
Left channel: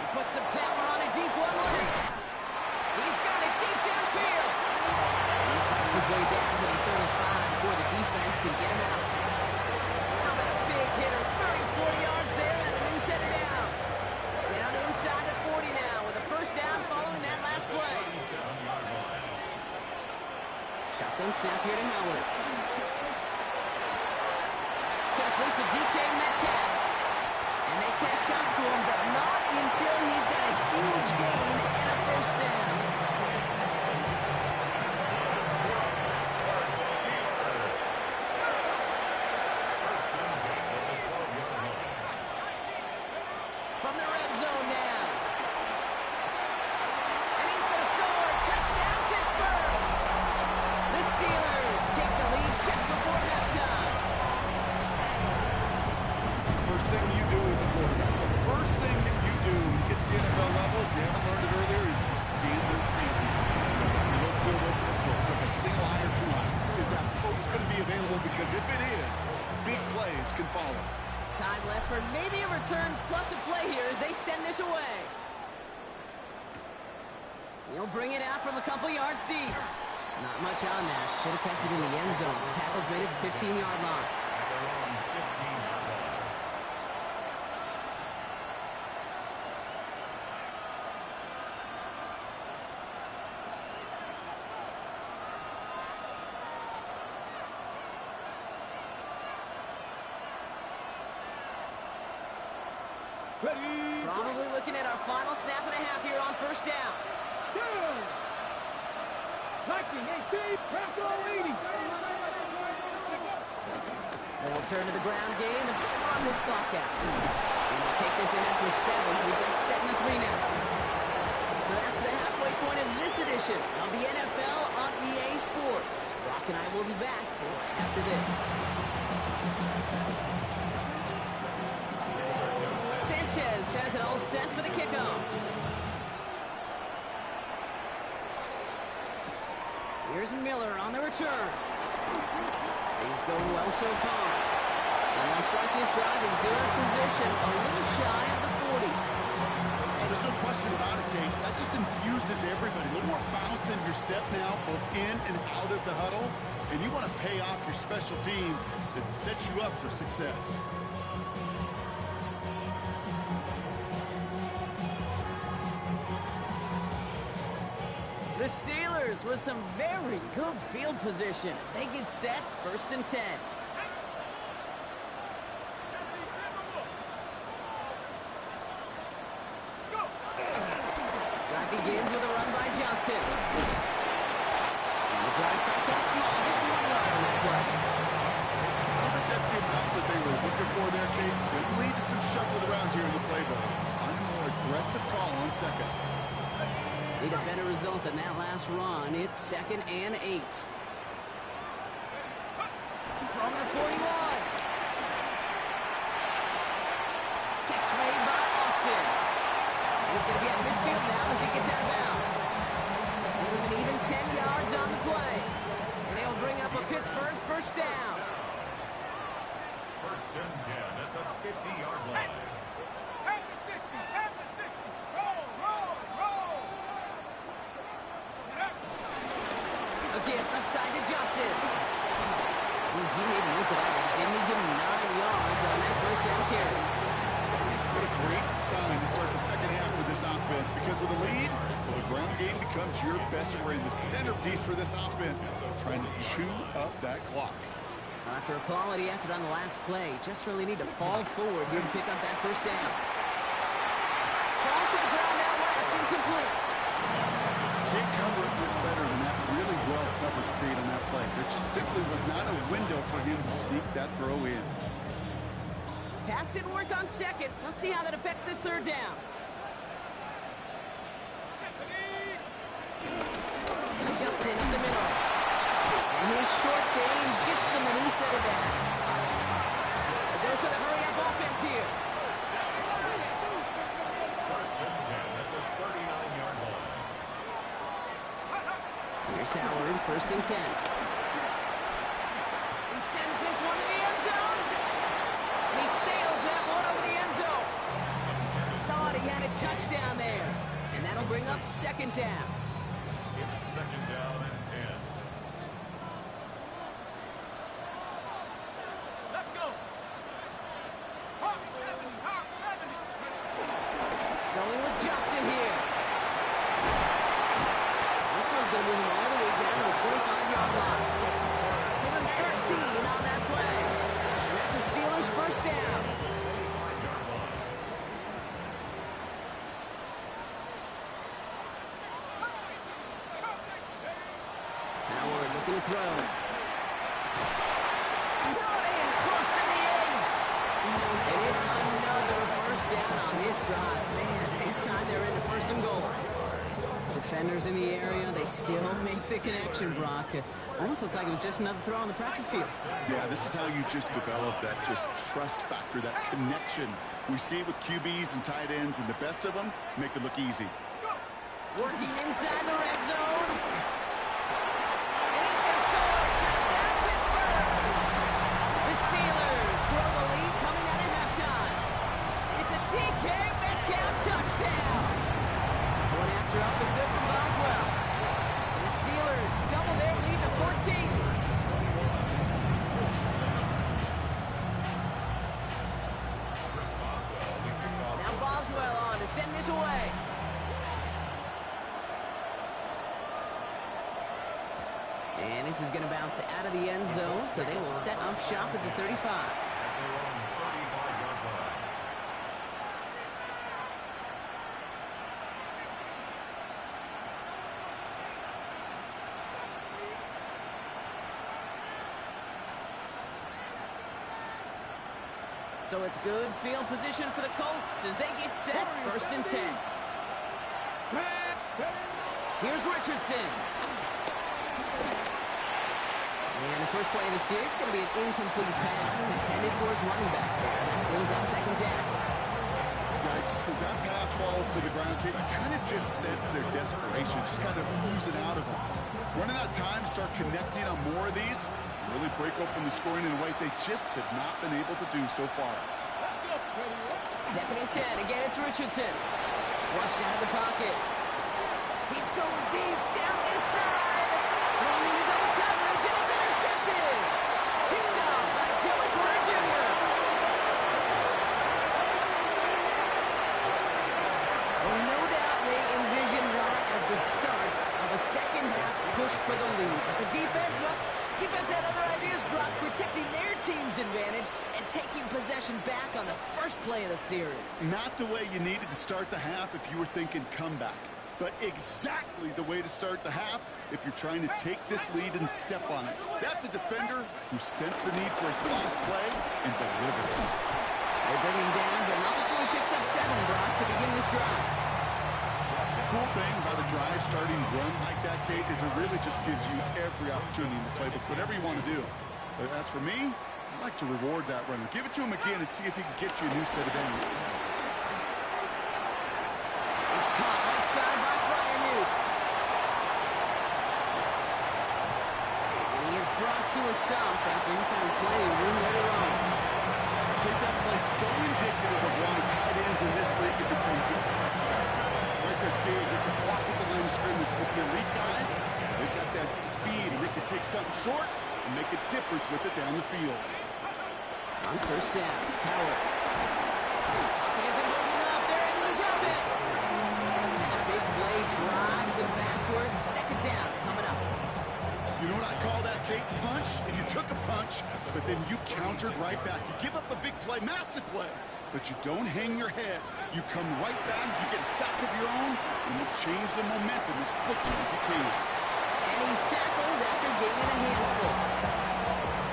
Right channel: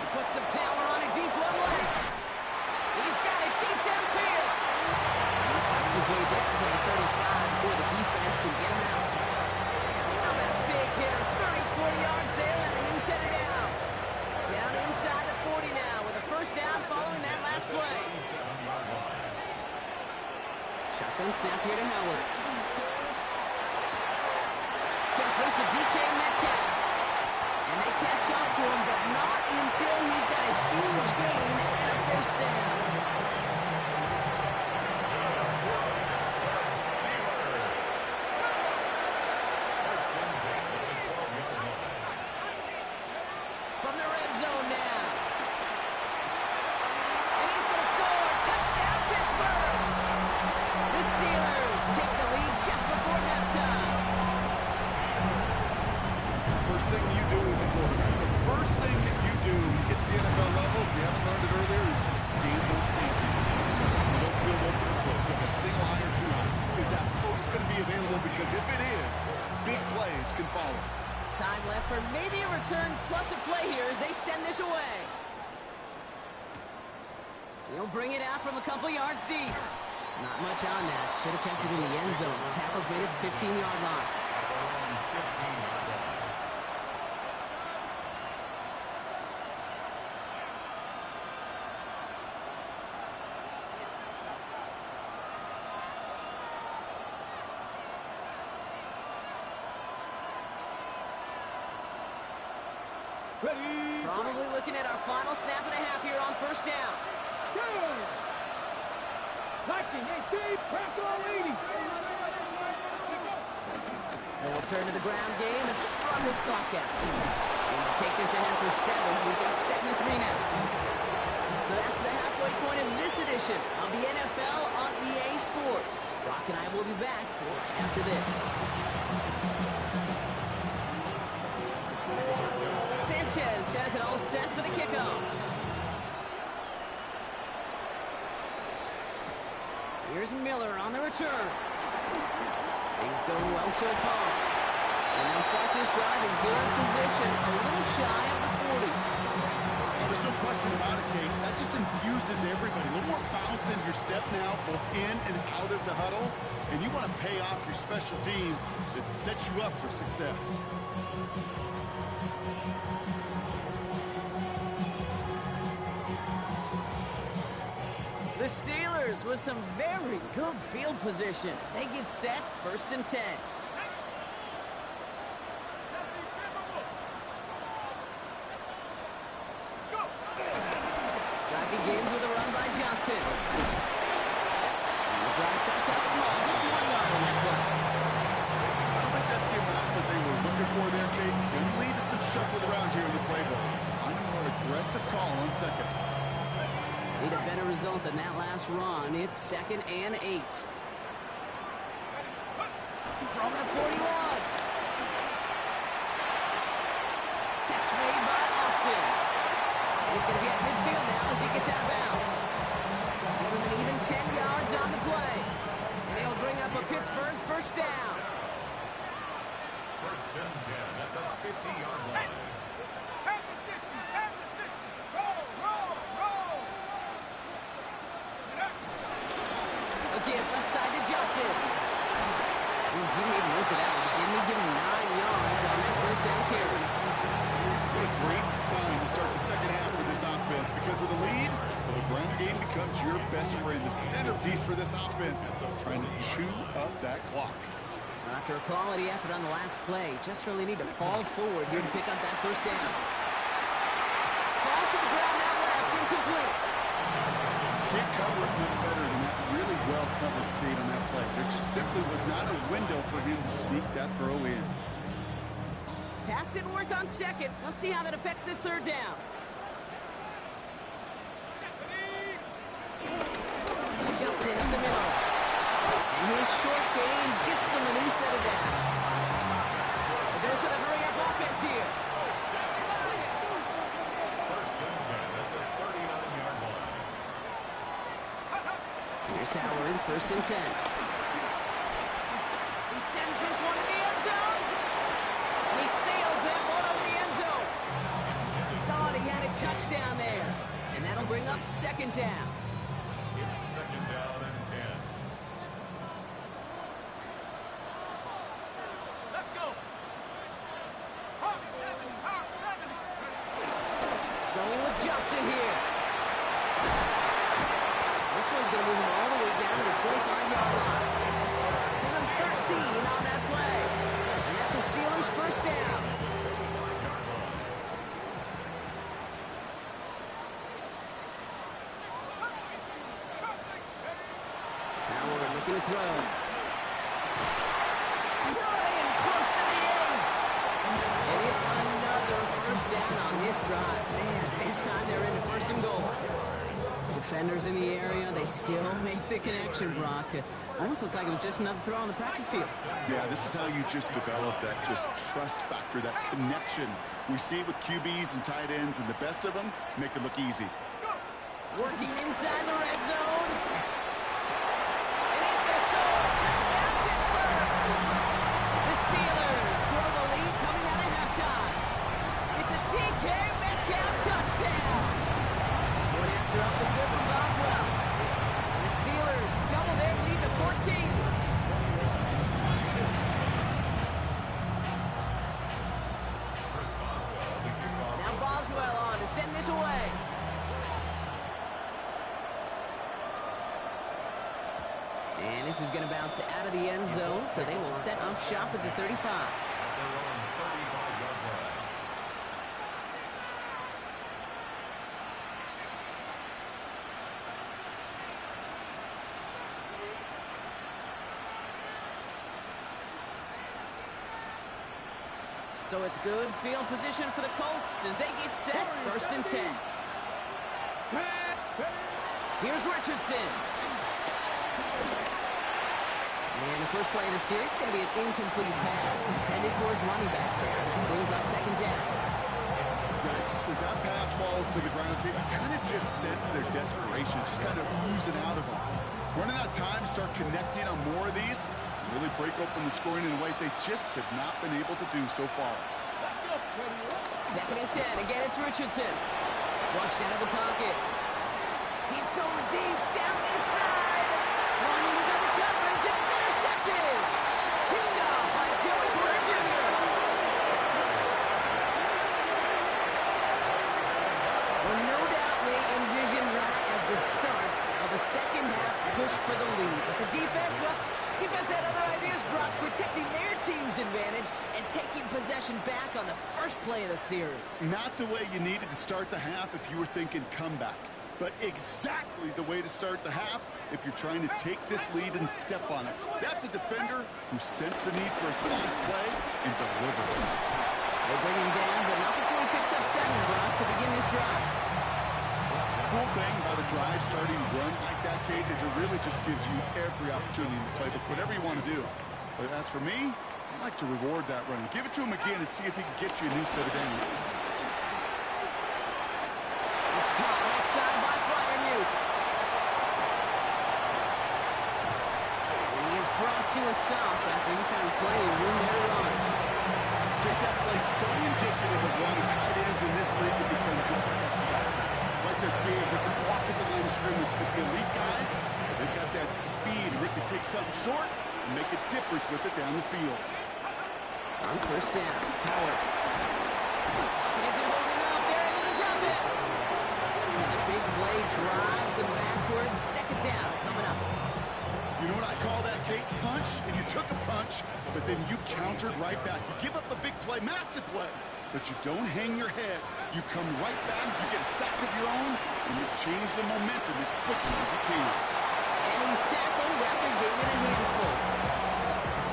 He puts some power on a deep one leg. He's got it deep downfield. And he fights his way down to the 35 before the defense can get him out. How about a big hitter? 30, 40 yards there and a new set of downs. Down inside the 40 now with a first down following that last play. Shotgun snap here to Howard. Complete to DK Metcalf. And they catch up to him, but not until he's got a huge gain and a first down. First and 10 at the 12-yard line. From the red zone now. And he's going to score. Touchdown, Pittsburgh. The Steelers take the lead just before halftime. First thing you do as a quarterback, the first thing that you do when you get to the NFL level, if you haven't learned it earlier, is you scan those safeties. Middle field open or close, like a single high or two high. Is that post going to be available? Because if it is, big plays can follow. Time left for maybe a return plus a play here as they send this away. He'll bring it out from a couple yards deep. Not much on that. Should have kept it in the end zone. Tackle's made at the 15-yard line. At their own 15-yard line. Ready. Probably looking at our final snap and a half here on first down. Go. Blocking 18. Crack all 80. They'll turn to the ground game and just run this clock out. And they'll take this ahead for 7. We've got 7-3 now. So that's the halfway point of this edition of the NFL on EA Sports. Brock and I will be back right after this. Sanchez has it all set for the kickoff. Here's Miller on the return. Things going well so far. And they'll start this drive in good position, a little shy of the 40. Oh, there's no question about it, Kate. That just infuses everybody. A little more bounce in your step now, both in and out of the huddle. And you want to pay off your special teams that sets you up for success. The Steelers with some very good field position as they get set, first and 10. Drive begins with a run by Johnson. And the drive starts out small, just 1 yard on that play. I don't think that's the amount that they were looking for there, Kate. Going to lead to some shuffling around here in the playbook. Find a more aggressive call on second. Need a better result than that last run. It's 2nd and 8. From the 41. Catch made by Austin. And he's going to be at midfield now as he gets out of bounds. Give him an even 10 yards on the play. And he'll bring up a Pittsburgh first down. First and 10 at the 50-yard line. At the 60. At the 60. Roll, roll, roll. Again, left side to Johnson. Ooh, he made most of that one. Didn't he give him 9 yards on that first down carry? What a great sign to start the second half for this offense, because with a lead, well, the ground game becomes your best friend, the centerpiece for this offense, trying to chew up that clock. After a quality effort on the last play, just really need to fall forward here to pick up that first down. Falls to the ground out left, incomplete. Can't cover it much better than that. Really well covered, Kate, on that play. There just simply was not a window for him to sneak that throw in. Pass didn't work on second. Let's see how that affects this third down. Jumps in up the middle. And his short gain gets them a new set of downs. A chance here. First and 10 at the 39-yard line. Here's Howard, first and 10. He sends this one to the end zone. And he sails that one over the end zone. Thought he had a touchdown there. And that'll bring up second down. It's second down and 10. Let's go. Hawk 70, Hawk 70. Going with Johnson here. This one's going to move him all the way down to the 25-yard line. Give him 13 on that play. And that's a Steelers first down. Howard looking to throw. Brought in close to the 8. And it's another first down on this drive. Man, this time they're into first and goal. Defenders in the area, they still make the connection, Brock. It almost looked like it was just another throw on the practice field. Yeah, this is how you just develop that just trust factor, that connection. We see it with QBs and tight ends, and the best of them make it look easy. Working inside the red zone. And he's going to score. Touchdown, Pittsburgh. The Steelers grow the lead coming out of halftime. It's a DK Metcalf touchdown. Going after up and good from Boswell. And the Steelers double their lead to 14. Now Boswell on to send this away. And this is going to bounce out of the end zone, so they will set up shop at the 35. At their own 35-yard line. So it's good field position for the Colts as they get set, first and 10. Here's Richardson. And the first play of the series is going to be an incomplete pass intended for his running back there. That brings up second down. Yikes, as that pass falls to the ground, you kind of just sense their desperation, just kind of oozing out of them. Running out of time to start connecting on more of these, really break open the scoring in a way they just have not been able to do so far. Second and 10. Again, it's Richardson. Flushed out of the pocket. He's going deep down this side. Throwing into double coverage, and it's intercepted. Picked off by Joey Porter Jr. Well, no doubt they envisioned that as the start of a second-half push for the lead. But the defense, well, defense had other ideas, Brock, protecting their team's advantage and taking possession back on the first play of the series. Not the way you needed to start the half if you were thinking comeback, but exactly the way to start the half if you're trying to take this lead and step on it. That's a defender who sensed the need for a splash play and delivers. They bring him down, but not before he picks up 7, Brock, to begin this drive. Cool thing about a drive starting run like that, Kate, is it really just gives you every opportunity in the playbook, whatever you want to do. But as for me, I like to reward that run. Give it to him again and see if he can get you a new set of downs. It's caught right side by Freiermuth. And he is brought to a stop after he found plenty of room there to run. I think that play so indicative of why tight ends in this league have become just a X factor. Right, they're big, they can block at the line of scrimmage, but the elite guys, they've got that speed, and they can take something short and make a difference with it down the field. On first down, Howard. Pocket isn't holding up, they're able to drop it. And the big play drives them backwards. Second down coming up. You know what I call that, Kate? Punch, and you took a punch, but then you countered right back. You give up a big play, massive play, but you don't hang your head. You come right back, you get a sack of your own, and you change the momentum as quickly as you can. And he's tackled after gaining a handful.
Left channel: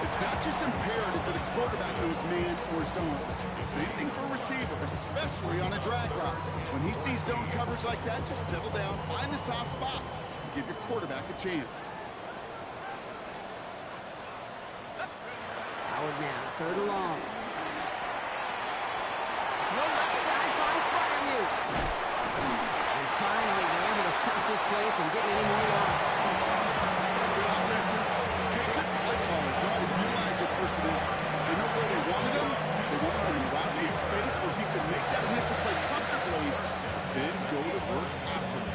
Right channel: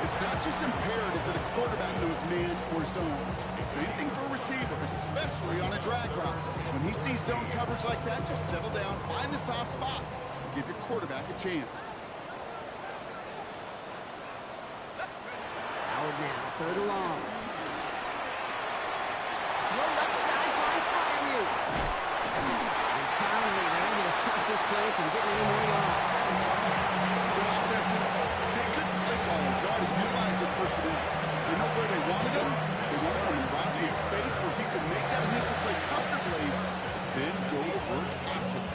It's not just imperative that a quarterback knows man or zone. Same thing for a receiver, especially on a drag route. When he sees zone coverage like that, just settle down, find the soft spot, and give your quarterback a chance. Howard now, third and long. Throw left side finds Fryermuth. And finally, they're able to stop this play from getting any more yards. Good offenses. Okay, good play callers know how to utilize their personnel. They know where they wanted him. They wanted him around in space where he could make that initial play comfortably, then go to work after it.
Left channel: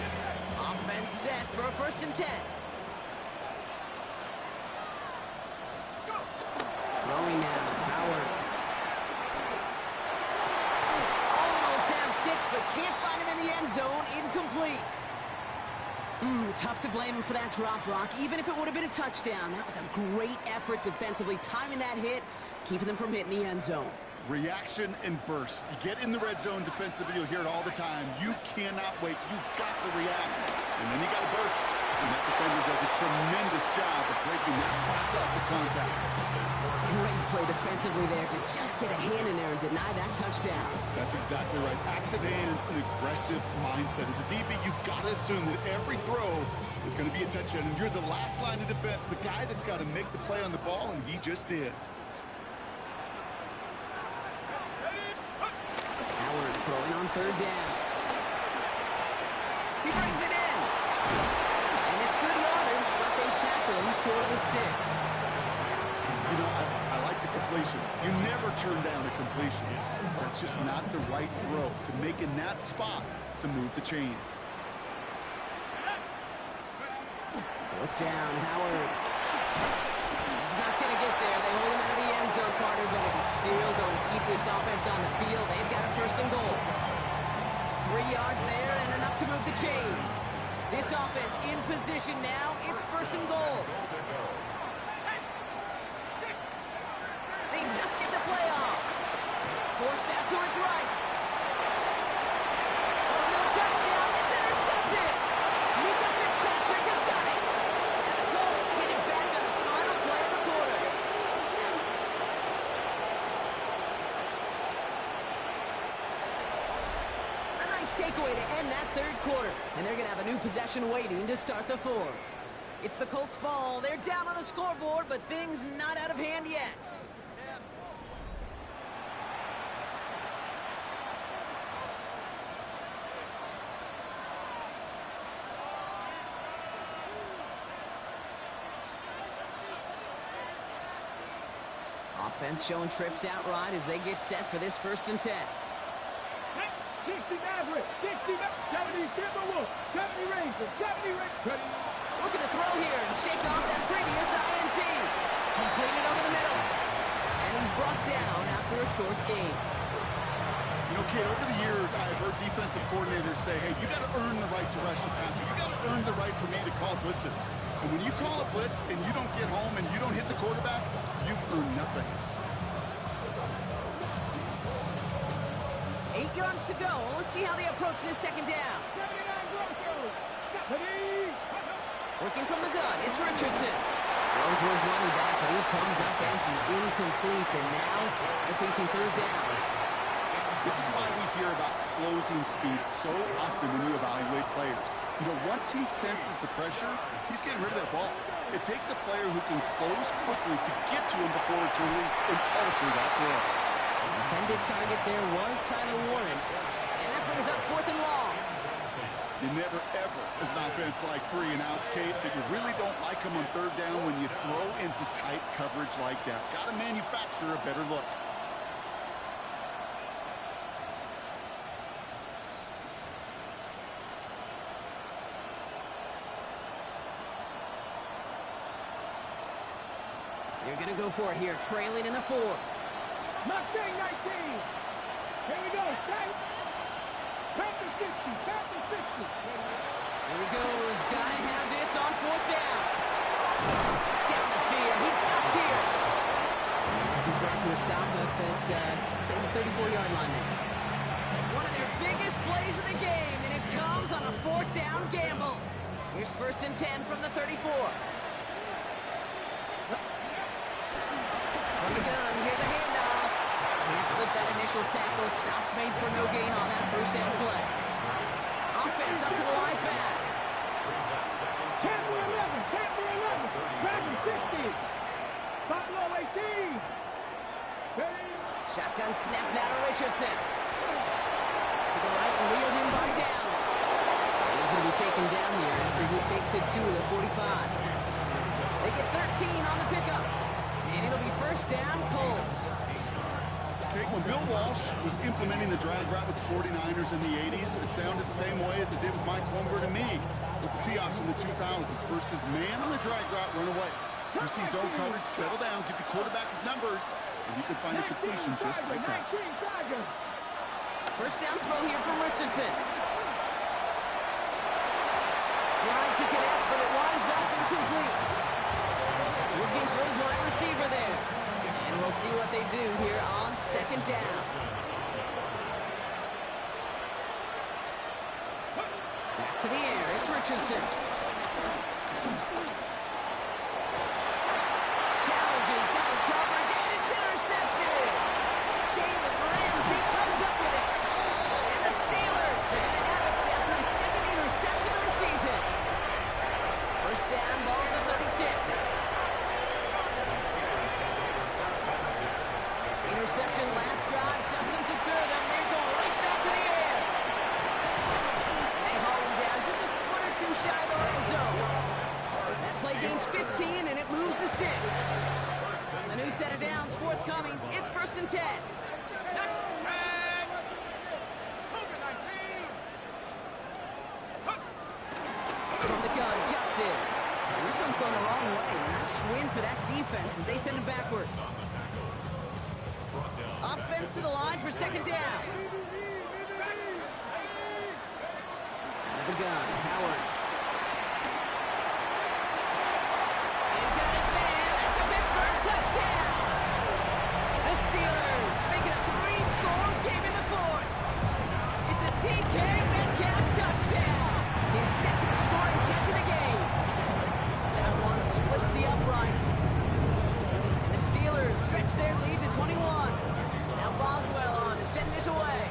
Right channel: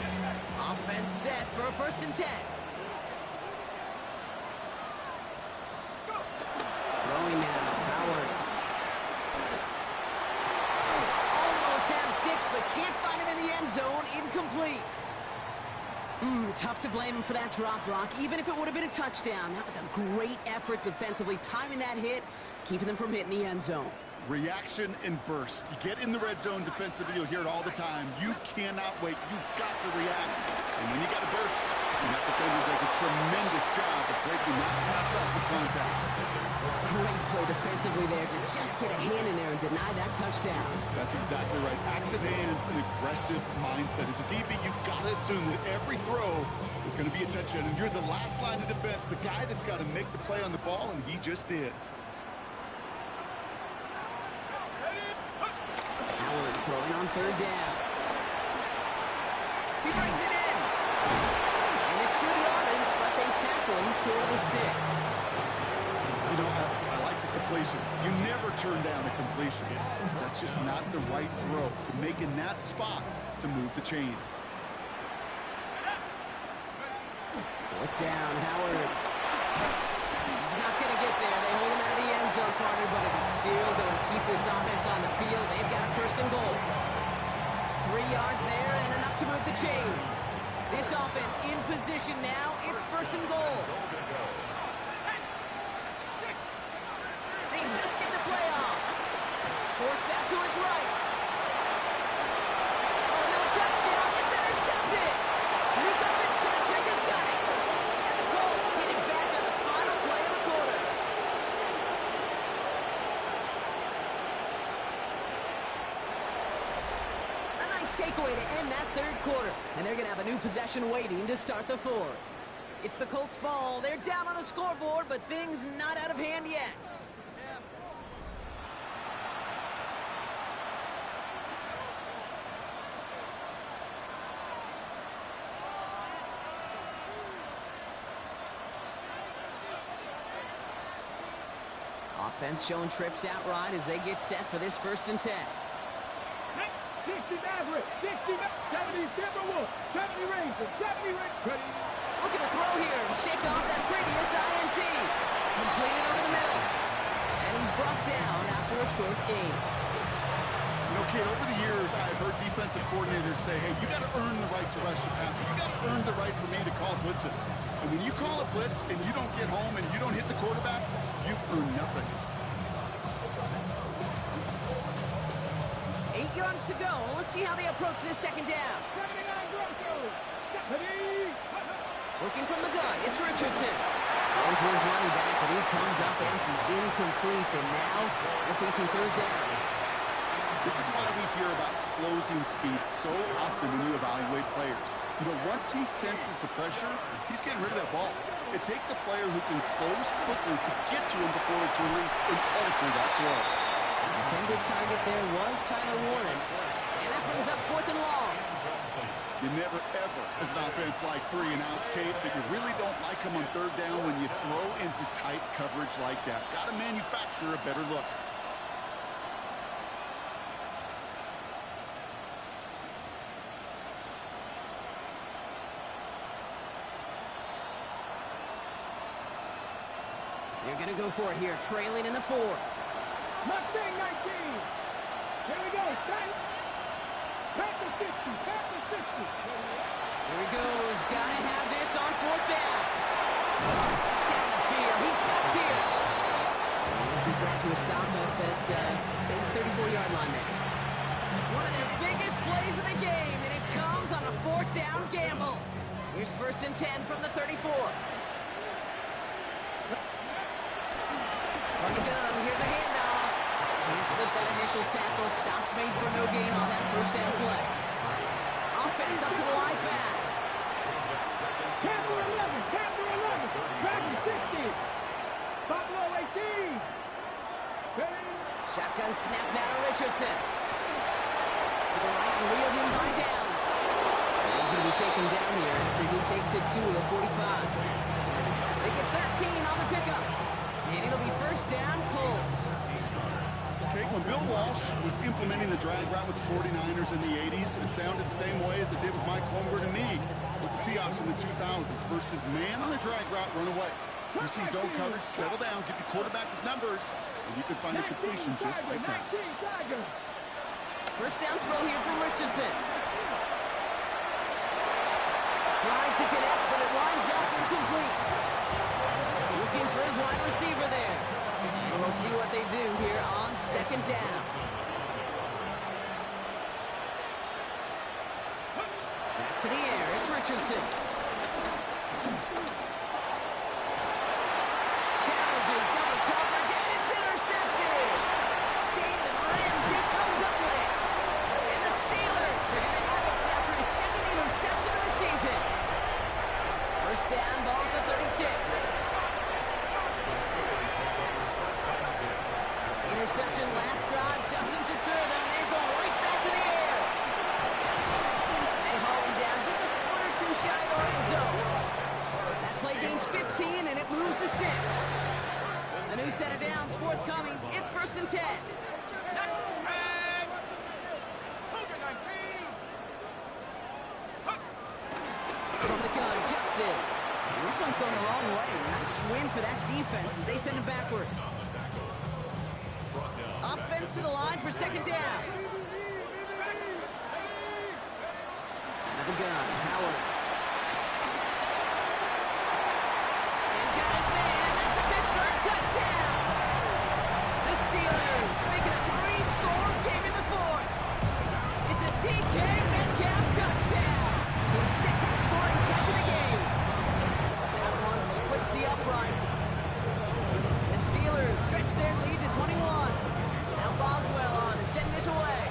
Offense set for a 1st and 10. Throwing now, Howard. Almost had 6, but can't find him in the end zone. Incomplete. Tough to blame him for that drop, Brock. Even if it would have been a touchdown, that was a great effort defensively, timing that hit, keeping them from hitting the end zone. Reaction and burst. You get in the red zone defensively, you'll hear it all the time. You cannot wait. You've got to react. And then you got to burst. And that defender does a tremendous job of breaking that pass up with contact. Great play defensively there to just get a hand in there and deny that touchdown. That's exactly right. Active hands and aggressive mindset. As a DB, you've got to assume that every throw is going to be a touchdown. And you're the last line of defense, the guy that's got to make the play on the ball, and he just did. Howard throwing on 3rd down. He brings it in. And it's good yardage, but they tackle him short of the sticks. You know, I like the completion. You never turn down a completion. That's just not the right throw to make in that spot to move the chains. 4th down, Howard. He's not going to get there. They hold him out of the end zone, Carter, but if he's still going to keep this offense on the field, they've got a 1st and goal. 3 yards there and enough to move the chains. This offense in position now. It's 1st and goal. They just get the play off. Forced out to his right. Oh, no touchdown. It's intercepted. Mika Fitzpatrick has got it. And the Colts get it back on the final play of the quarter. A nice takeaway to end that 3rd quarter. And they're going to have a new possession waiting to start the 4th. It's the Colts ball. They're down on the scoreboard, but things not out of hand yet. Offense showing trips out right as they get set for this 1st and 10. 60 Maverick, 60 70 Timberwolves, 70 Rangers, 70 Rangers. Looking to throw here and shake off that previous INT. Completed over the middle. And he's brought down after a short game. You know, kid, over the years, I've heard defensive coordinators say, hey, you got to earn the right to rush the passer. You got to earn the right for me to call blitzes. And when you call a blitz and you don't get home and you don't hit the quarterback, you've earned nothing. 8 yards to go. Let's see how they approach this 2nd down. 79 Grosso. Working from the gun, it's Richardson. Thrown for his running back, but he comes up empty, incomplete, and now they're facing 3rd down. This is why we hear about closing speed so often when you evaluate players. You know, once he senses the pressure, he's getting rid of that ball. It takes a player who can close quickly to get to him before it's released and alter that throw. The intended target there was Tyler Warren, and that brings up 4th and long. You never, ever, as an offense, like 3 and outs, Kate, but you really don't like them on 3rd down when you throw into tight coverage like that. Got to manufacture a better look. They're going to go for it here, trailing in the 4th. Mustang 19. Here we go. Panther 60. Panther 60. Here he goes. Got to have this on 4th down. Down the field. He's got Pierce. And this is brought to a stop up at, say, the 34-yard line there. One of their biggest plays of the game, and it comes on a 4th down gamble. Here's 1st and 10 from the 34. From the gun, here's a handoff. Can't slip that initial tackle. Stops made for no gain on that 1st down play. Offense up to the line fast. Panther 11. Panther 11. Dragon 60. Buffalo 18. Ready. Shotgun snap now to Richardson. To the right and wheeled in by Downs. And he's going to be taken down here after he takes it to the 45. They get 13 on the pickup. And it'll be first down, Colts. Okay, when Bill Walsh was implementing the drag route with the 49ers in the 80s, it sounded the same way as it did with Mike Holmgren and me with the Seahawks in the 2000s versus man on the drag route, run away. You see zone coverage, settle down, give your quarterback his numbers, and you can find a completion just like that. First down throw here from Richardson. Trying to connect, but it winds up incomplete. Looking for his wide receiver there. And we'll see what they do here on second down. Back to the air. It's Richardson. Challenges double coverage, and it's intercepted. Jalen Ramsey comes up with it. And the Steelers are going to have it after his second interception of the season. First down, ball at the 36. Interception last drive doesn't deter them. They're going right back to the air. They haul him down just a foot or two shy of the red zone. That play gains 15, and it moves the sticks. A new set of downs forthcoming. It's first and 10. From the gun, Johnson. And this one's going the wrong way. Nice win for that defense as they send him backwards. Offense to the line for second down. Out of the gun, Howard. And got his man. That's a Pittsburgh touchdown. The Steelers making a 3-score game in the fourth. It's a DK Metcalf touchdown. His second scoring catch of the game. That one splits the uprights. And the Steelers stretch their lead to 21. Now Boswell on to send this away.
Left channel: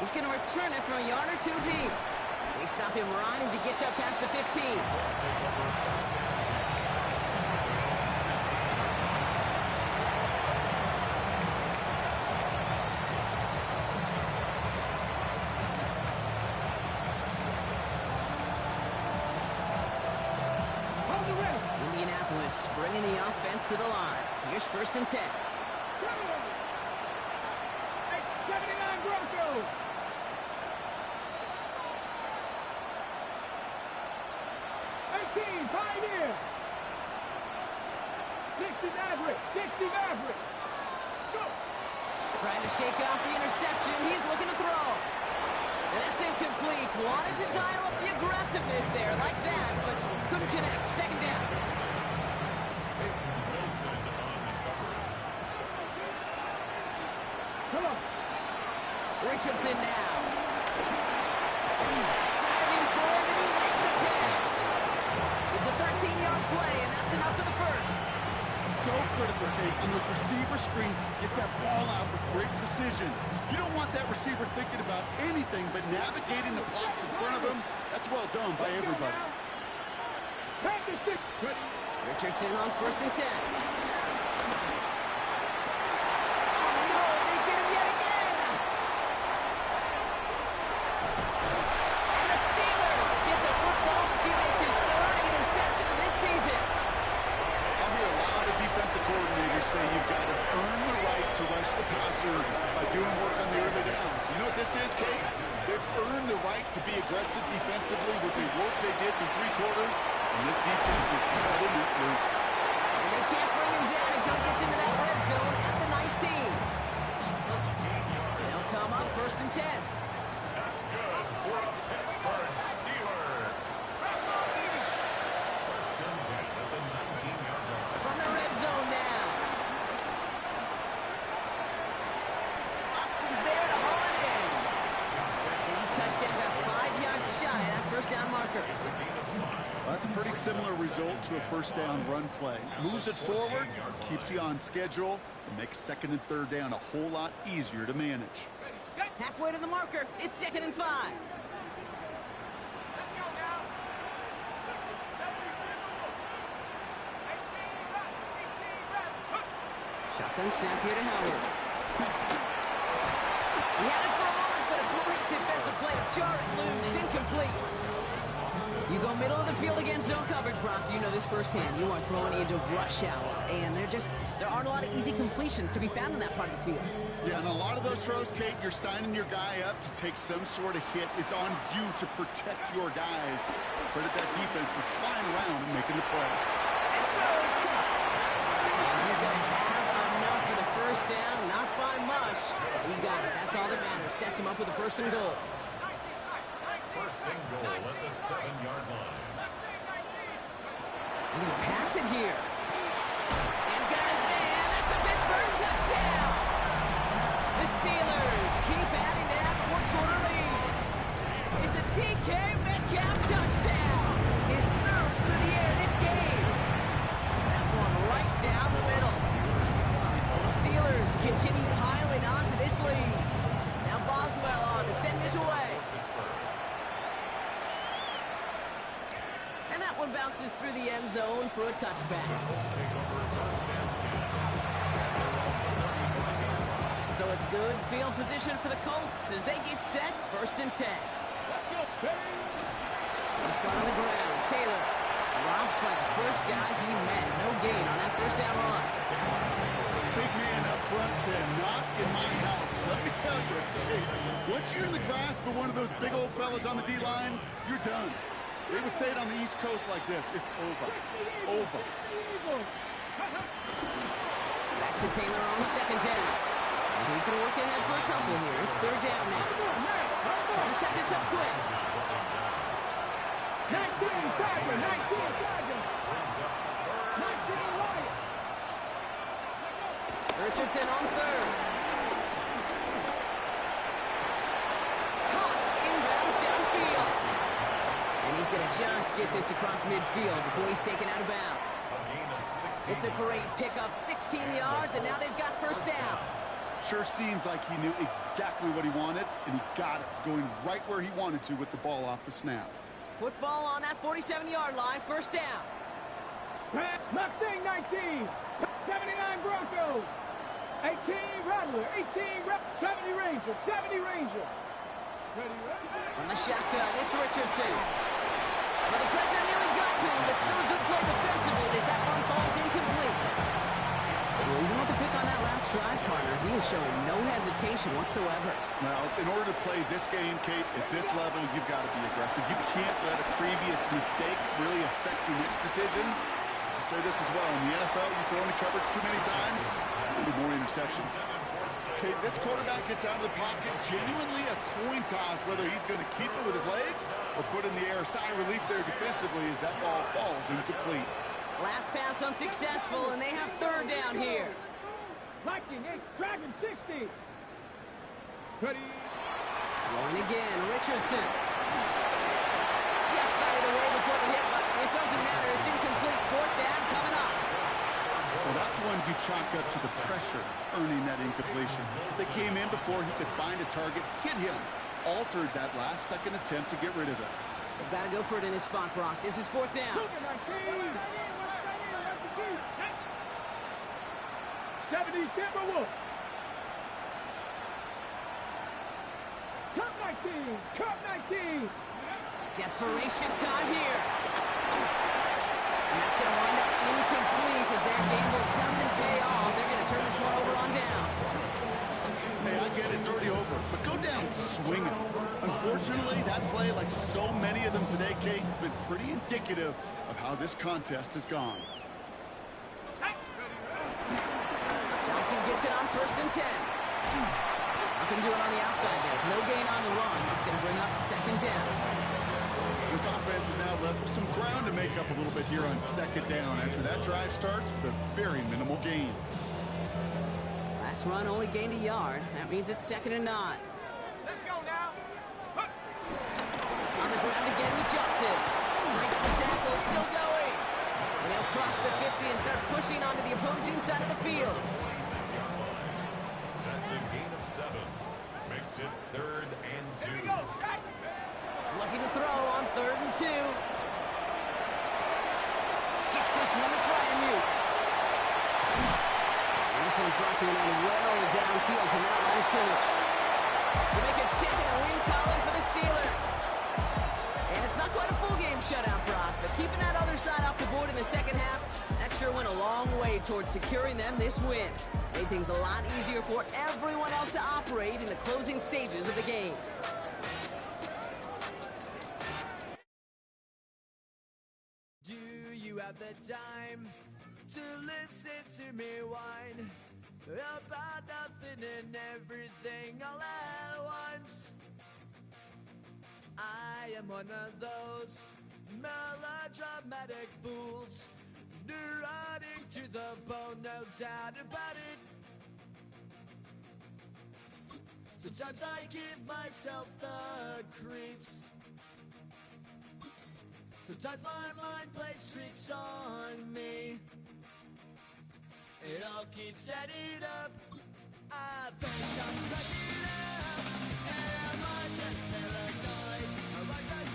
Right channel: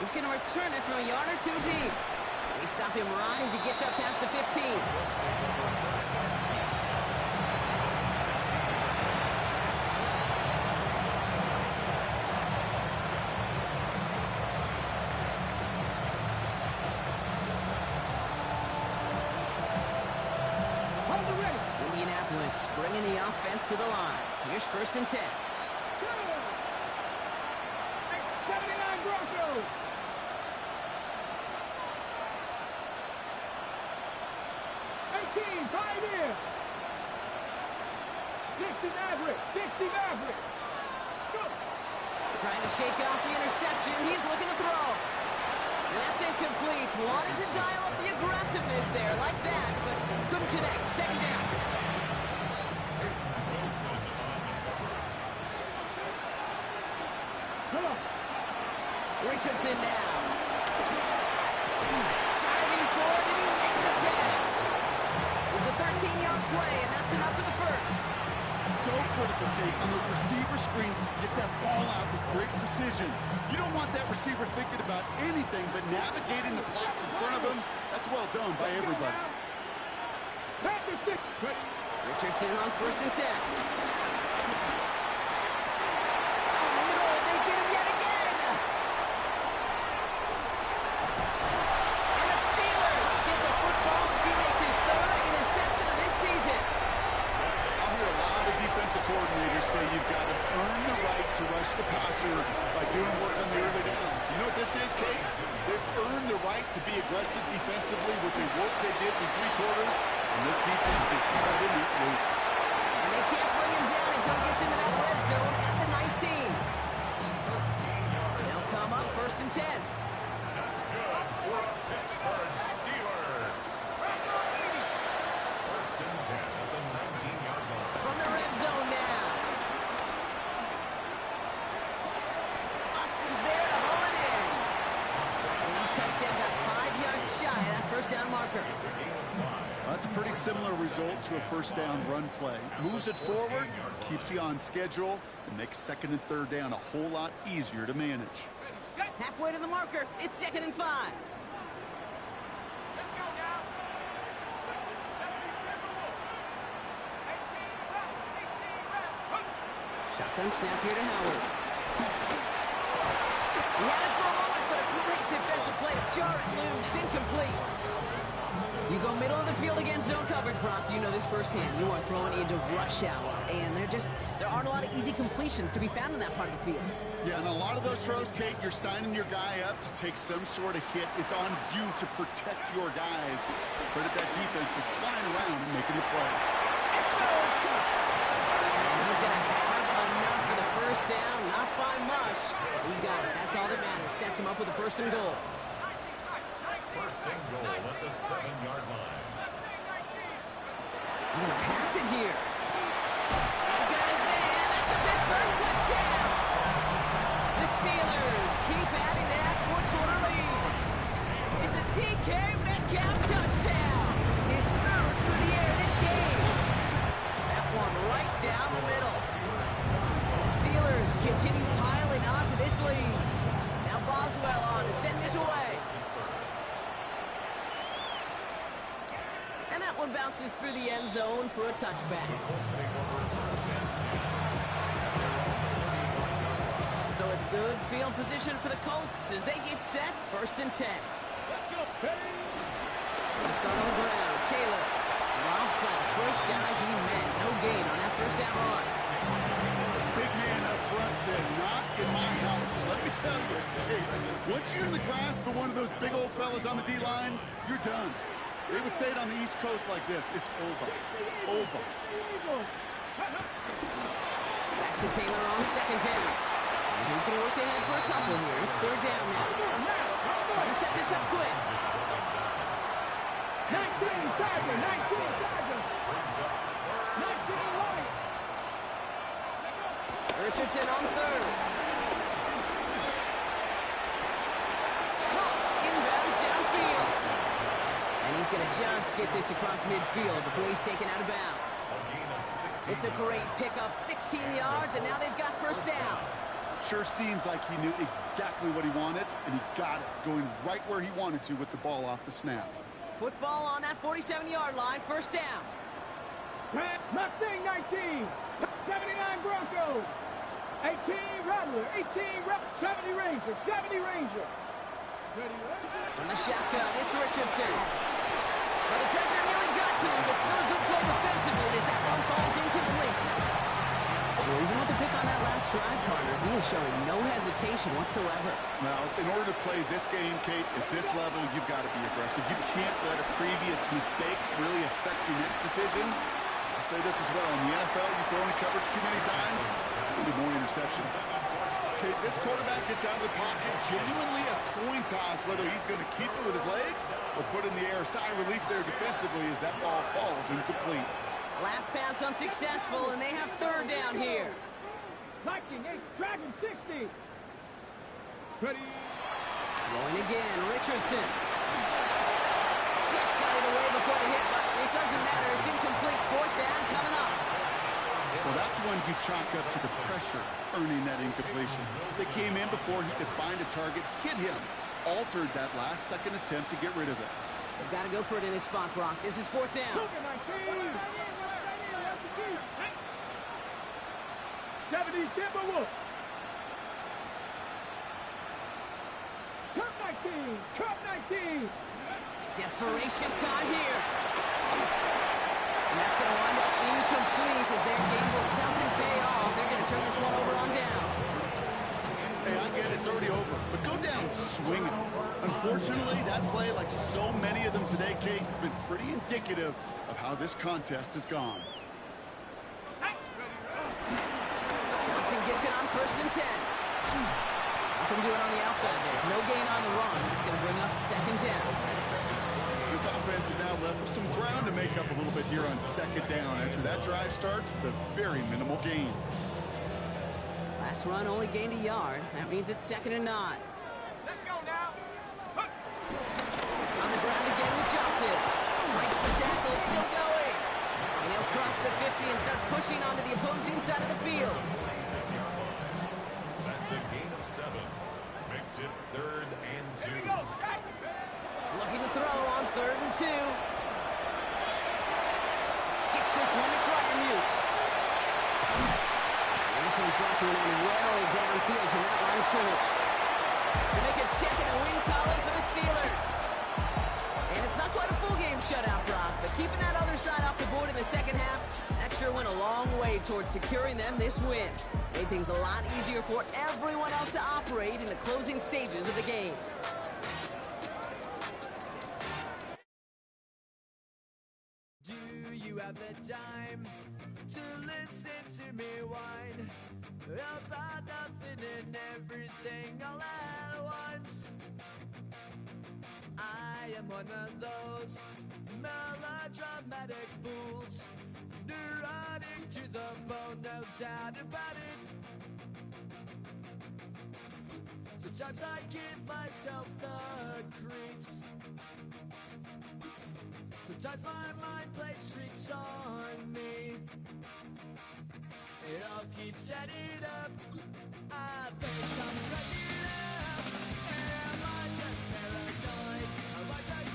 He's going to return it from a yard or two deep. They stop him right as he gets up past the 15. Indianapolis bringing the offense to the line. Here's first and 10. 79 Broncos. 18 Pioneer. 60 Maverick. 60 Maverick. Let's go. Trying to shake off the interception. He's looking to throw. And that's incomplete. Wanted to dial up the aggressiveness there like that, but couldn't connect. Second down. Come on. Richardson now. Diving forward, and he makes the catch. It's a 13-yard play, and that's enough for the first. So critical, Kate, on those receiver screens to get that ball out with great precision. You don't want that receiver thinking about anything but navigating the blocks in front of him. That's well done by everybody. Richardson on first and 10. Oh, no, they get him yet again. And the Steelers get the football as he makes his third interception of this season. I'll hear a lot of defensive coordinators say you've got to earn the right to rush the passer by doing work on the early downs. You know what this is, Kate? They've earned the right to be aggressive defensively with the work they did through three quarters, and this defense is cutting it loose. And they can't bring him down until he gets into that red zone at the 19. They'll come up first and 10. That's good for a Pittsburgh Steeler. First and 10 at the 19-yard line. From the red zone now. Austin's there to haul it in. And he's touchdown about 5 yards shy of that first down marker. It's a gain of 5. Well, that's a pretty similar result to a first down run play. Moves it forward, keeps you on schedule, and makes second and third down a whole lot easier to manage. Halfway to the marker. It's second and 5. Let's go now. 60, 70, 10, 18 reps. Shotgun snap here to Howard. He had it for a moment, but a great defensive play to jar it loose. Incomplete. You go middle of the field against zone coverage, Brock. You know this firsthand. You are throwing into rush hour, and there aren't a lot of easy completions to be found in that part of the field. Yeah, and a lot of those throws, Kate, you're signing your guy up to take some sort of hit. It's on you to protect your guys. Credit that defense for flying around and making the play. This throw is caught. And he's going to have enough for the first down. Not by much. But he got it. That's all that matters. Sets him up with a first and goal. First and goal at the 7-yard line. He's going to pass it here. And got his man. That's a Pittsburgh touchdown. The Steelers keep adding to that fourth-quarter lead. It's a DK Metcalf touchdown. His third through the air this game. That one right down the middle. And the Steelers continue piling onto this lead. Now Boswell on to send this away. And that one bounces through the end zone for a touchback. So it's good field position for the Colts as they get set, 1st and 10. They start on the ground. Taylor dropped by the first guy he met. No gain on that first down run. Big man up front said, not in my house. Let me tell you, Kate, once you're in the grasp of one of those big old fellas on the D-line, you're done. They would say it on the East Coast like this. It's over. Over. Back to Taylor on 2nd down. And he's going to work ahead for a couple here. It's 3rd down now. Trying to set this up quick. 19 Tiger, 19 Tiger. 19 Lion. Richardson on 3rd. Caught inbounds downfield. And he's going to just get this across midfield before he's taken out of bounds. It's a great pickup, 16 yards, and now they've got first down. Sure seems like he knew exactly what he wanted, and he got it, going right where he wanted to with the ball off the snap. Football on that 47-yard line, first down. Mustang 19, 79 Broncos, 18 Rattler, 70 Ranger, 70 Ranger. On the shotgun, it's Richardson. Well, the president nearly got to him, but still a good play defensively as that one falls incomplete. Well, even with the pick on that last drive, partner, he was showing no hesitation whatsoever. Well, in order to play this game, Kate, at this level, you've got to be aggressive. You can't let a previous mistake really affect your next decision. I'll say this as well. In the NFL, you throw into coverage too many times, there'll be more interceptions. Okay, this quarterback gets out of the pocket, genuinely a coin toss whether he's going to keep it with his legs or put in the air. Sigh of relief there defensively as that ball falls incomplete. Last pass unsuccessful, and they have 3rd down here. Viking 8, Dragon 60. Ready. Going again, Richardson. Just got it away before the hit, but it doesn't matter. It's incomplete. 4th down coming up. Well, that's one you chalk up to the pressure earning that incompletion. They came in before he could find a target, hit him, altered that last-second attempt to get rid of it. They've got to go for it in his spot, Brock. This is 4th down. 70 Timberwolves. Cup 19, Cup 19. Desperation time here. And that's going to wind up incomplete as their gamble doesn't pay off. They're going to turn this one over on downs. Hey, I get it. It's already over. But go down swinging. Unfortunately, that play, like so many of them today, Kate, has been pretty indicative of how this contest has gone. Johnson gets it on 1st and 10. Nothing doing on the outside there. No gain on the run. It's going to bring up 2nd down. This offense is now left with some ground to make up a little bit here on 2nd down after that drive starts with a very minimal gain. Last run only gained a yard. That means it's 2nd and 9. Let's go now. On the ground again with Johnson. Breaks the tackle, still going. And he'll cross the 50 and start pushing onto the opposing side of the field. 46-yard line. That's a gain of 7. Makes it 3rd and 2. Here we go, shot. Looking to throw on 3rd and 2. Gets this one to Fryermuth. And the this one's brought to an end well downfield from that line of scrimmage. To make a check in the win column for the Steelers. And it's not quite a full game shutout, Brock, but keeping that other side off the board in the second half, that sure went a long way towards securing them this win. Made things a lot easier for everyone else to operate in the closing stages of the game. Do you have the time to listen to me whine about nothing and everything all at once? I am one of those melodramatic fools, neurotic to the bone, no doubt about it. Sometimes I give myself the creeps. Sometimes my mind plays tricks on me. It all keeps adding up. I think I'm cracking up. Am I just paranoid? Am I just...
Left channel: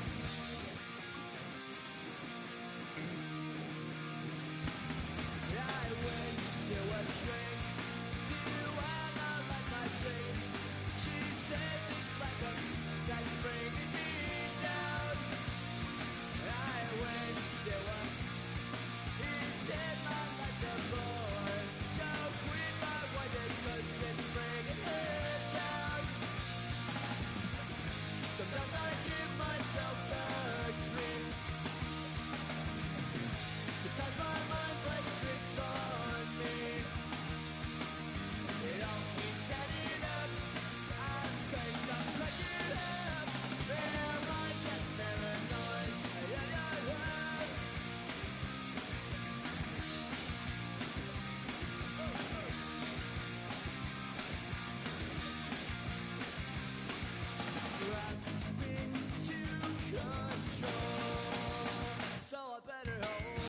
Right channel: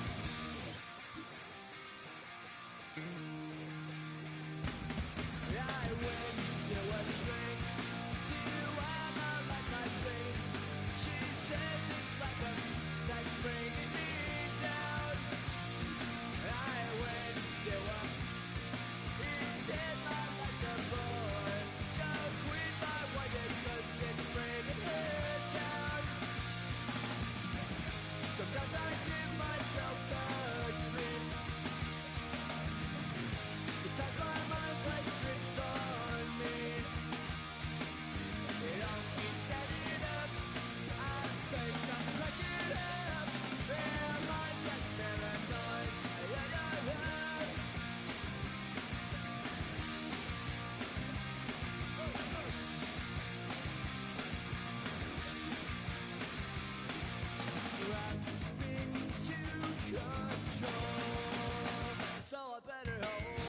I went to a shrink to analyze my dreams. She says it's like a that's bringing me down. I went to a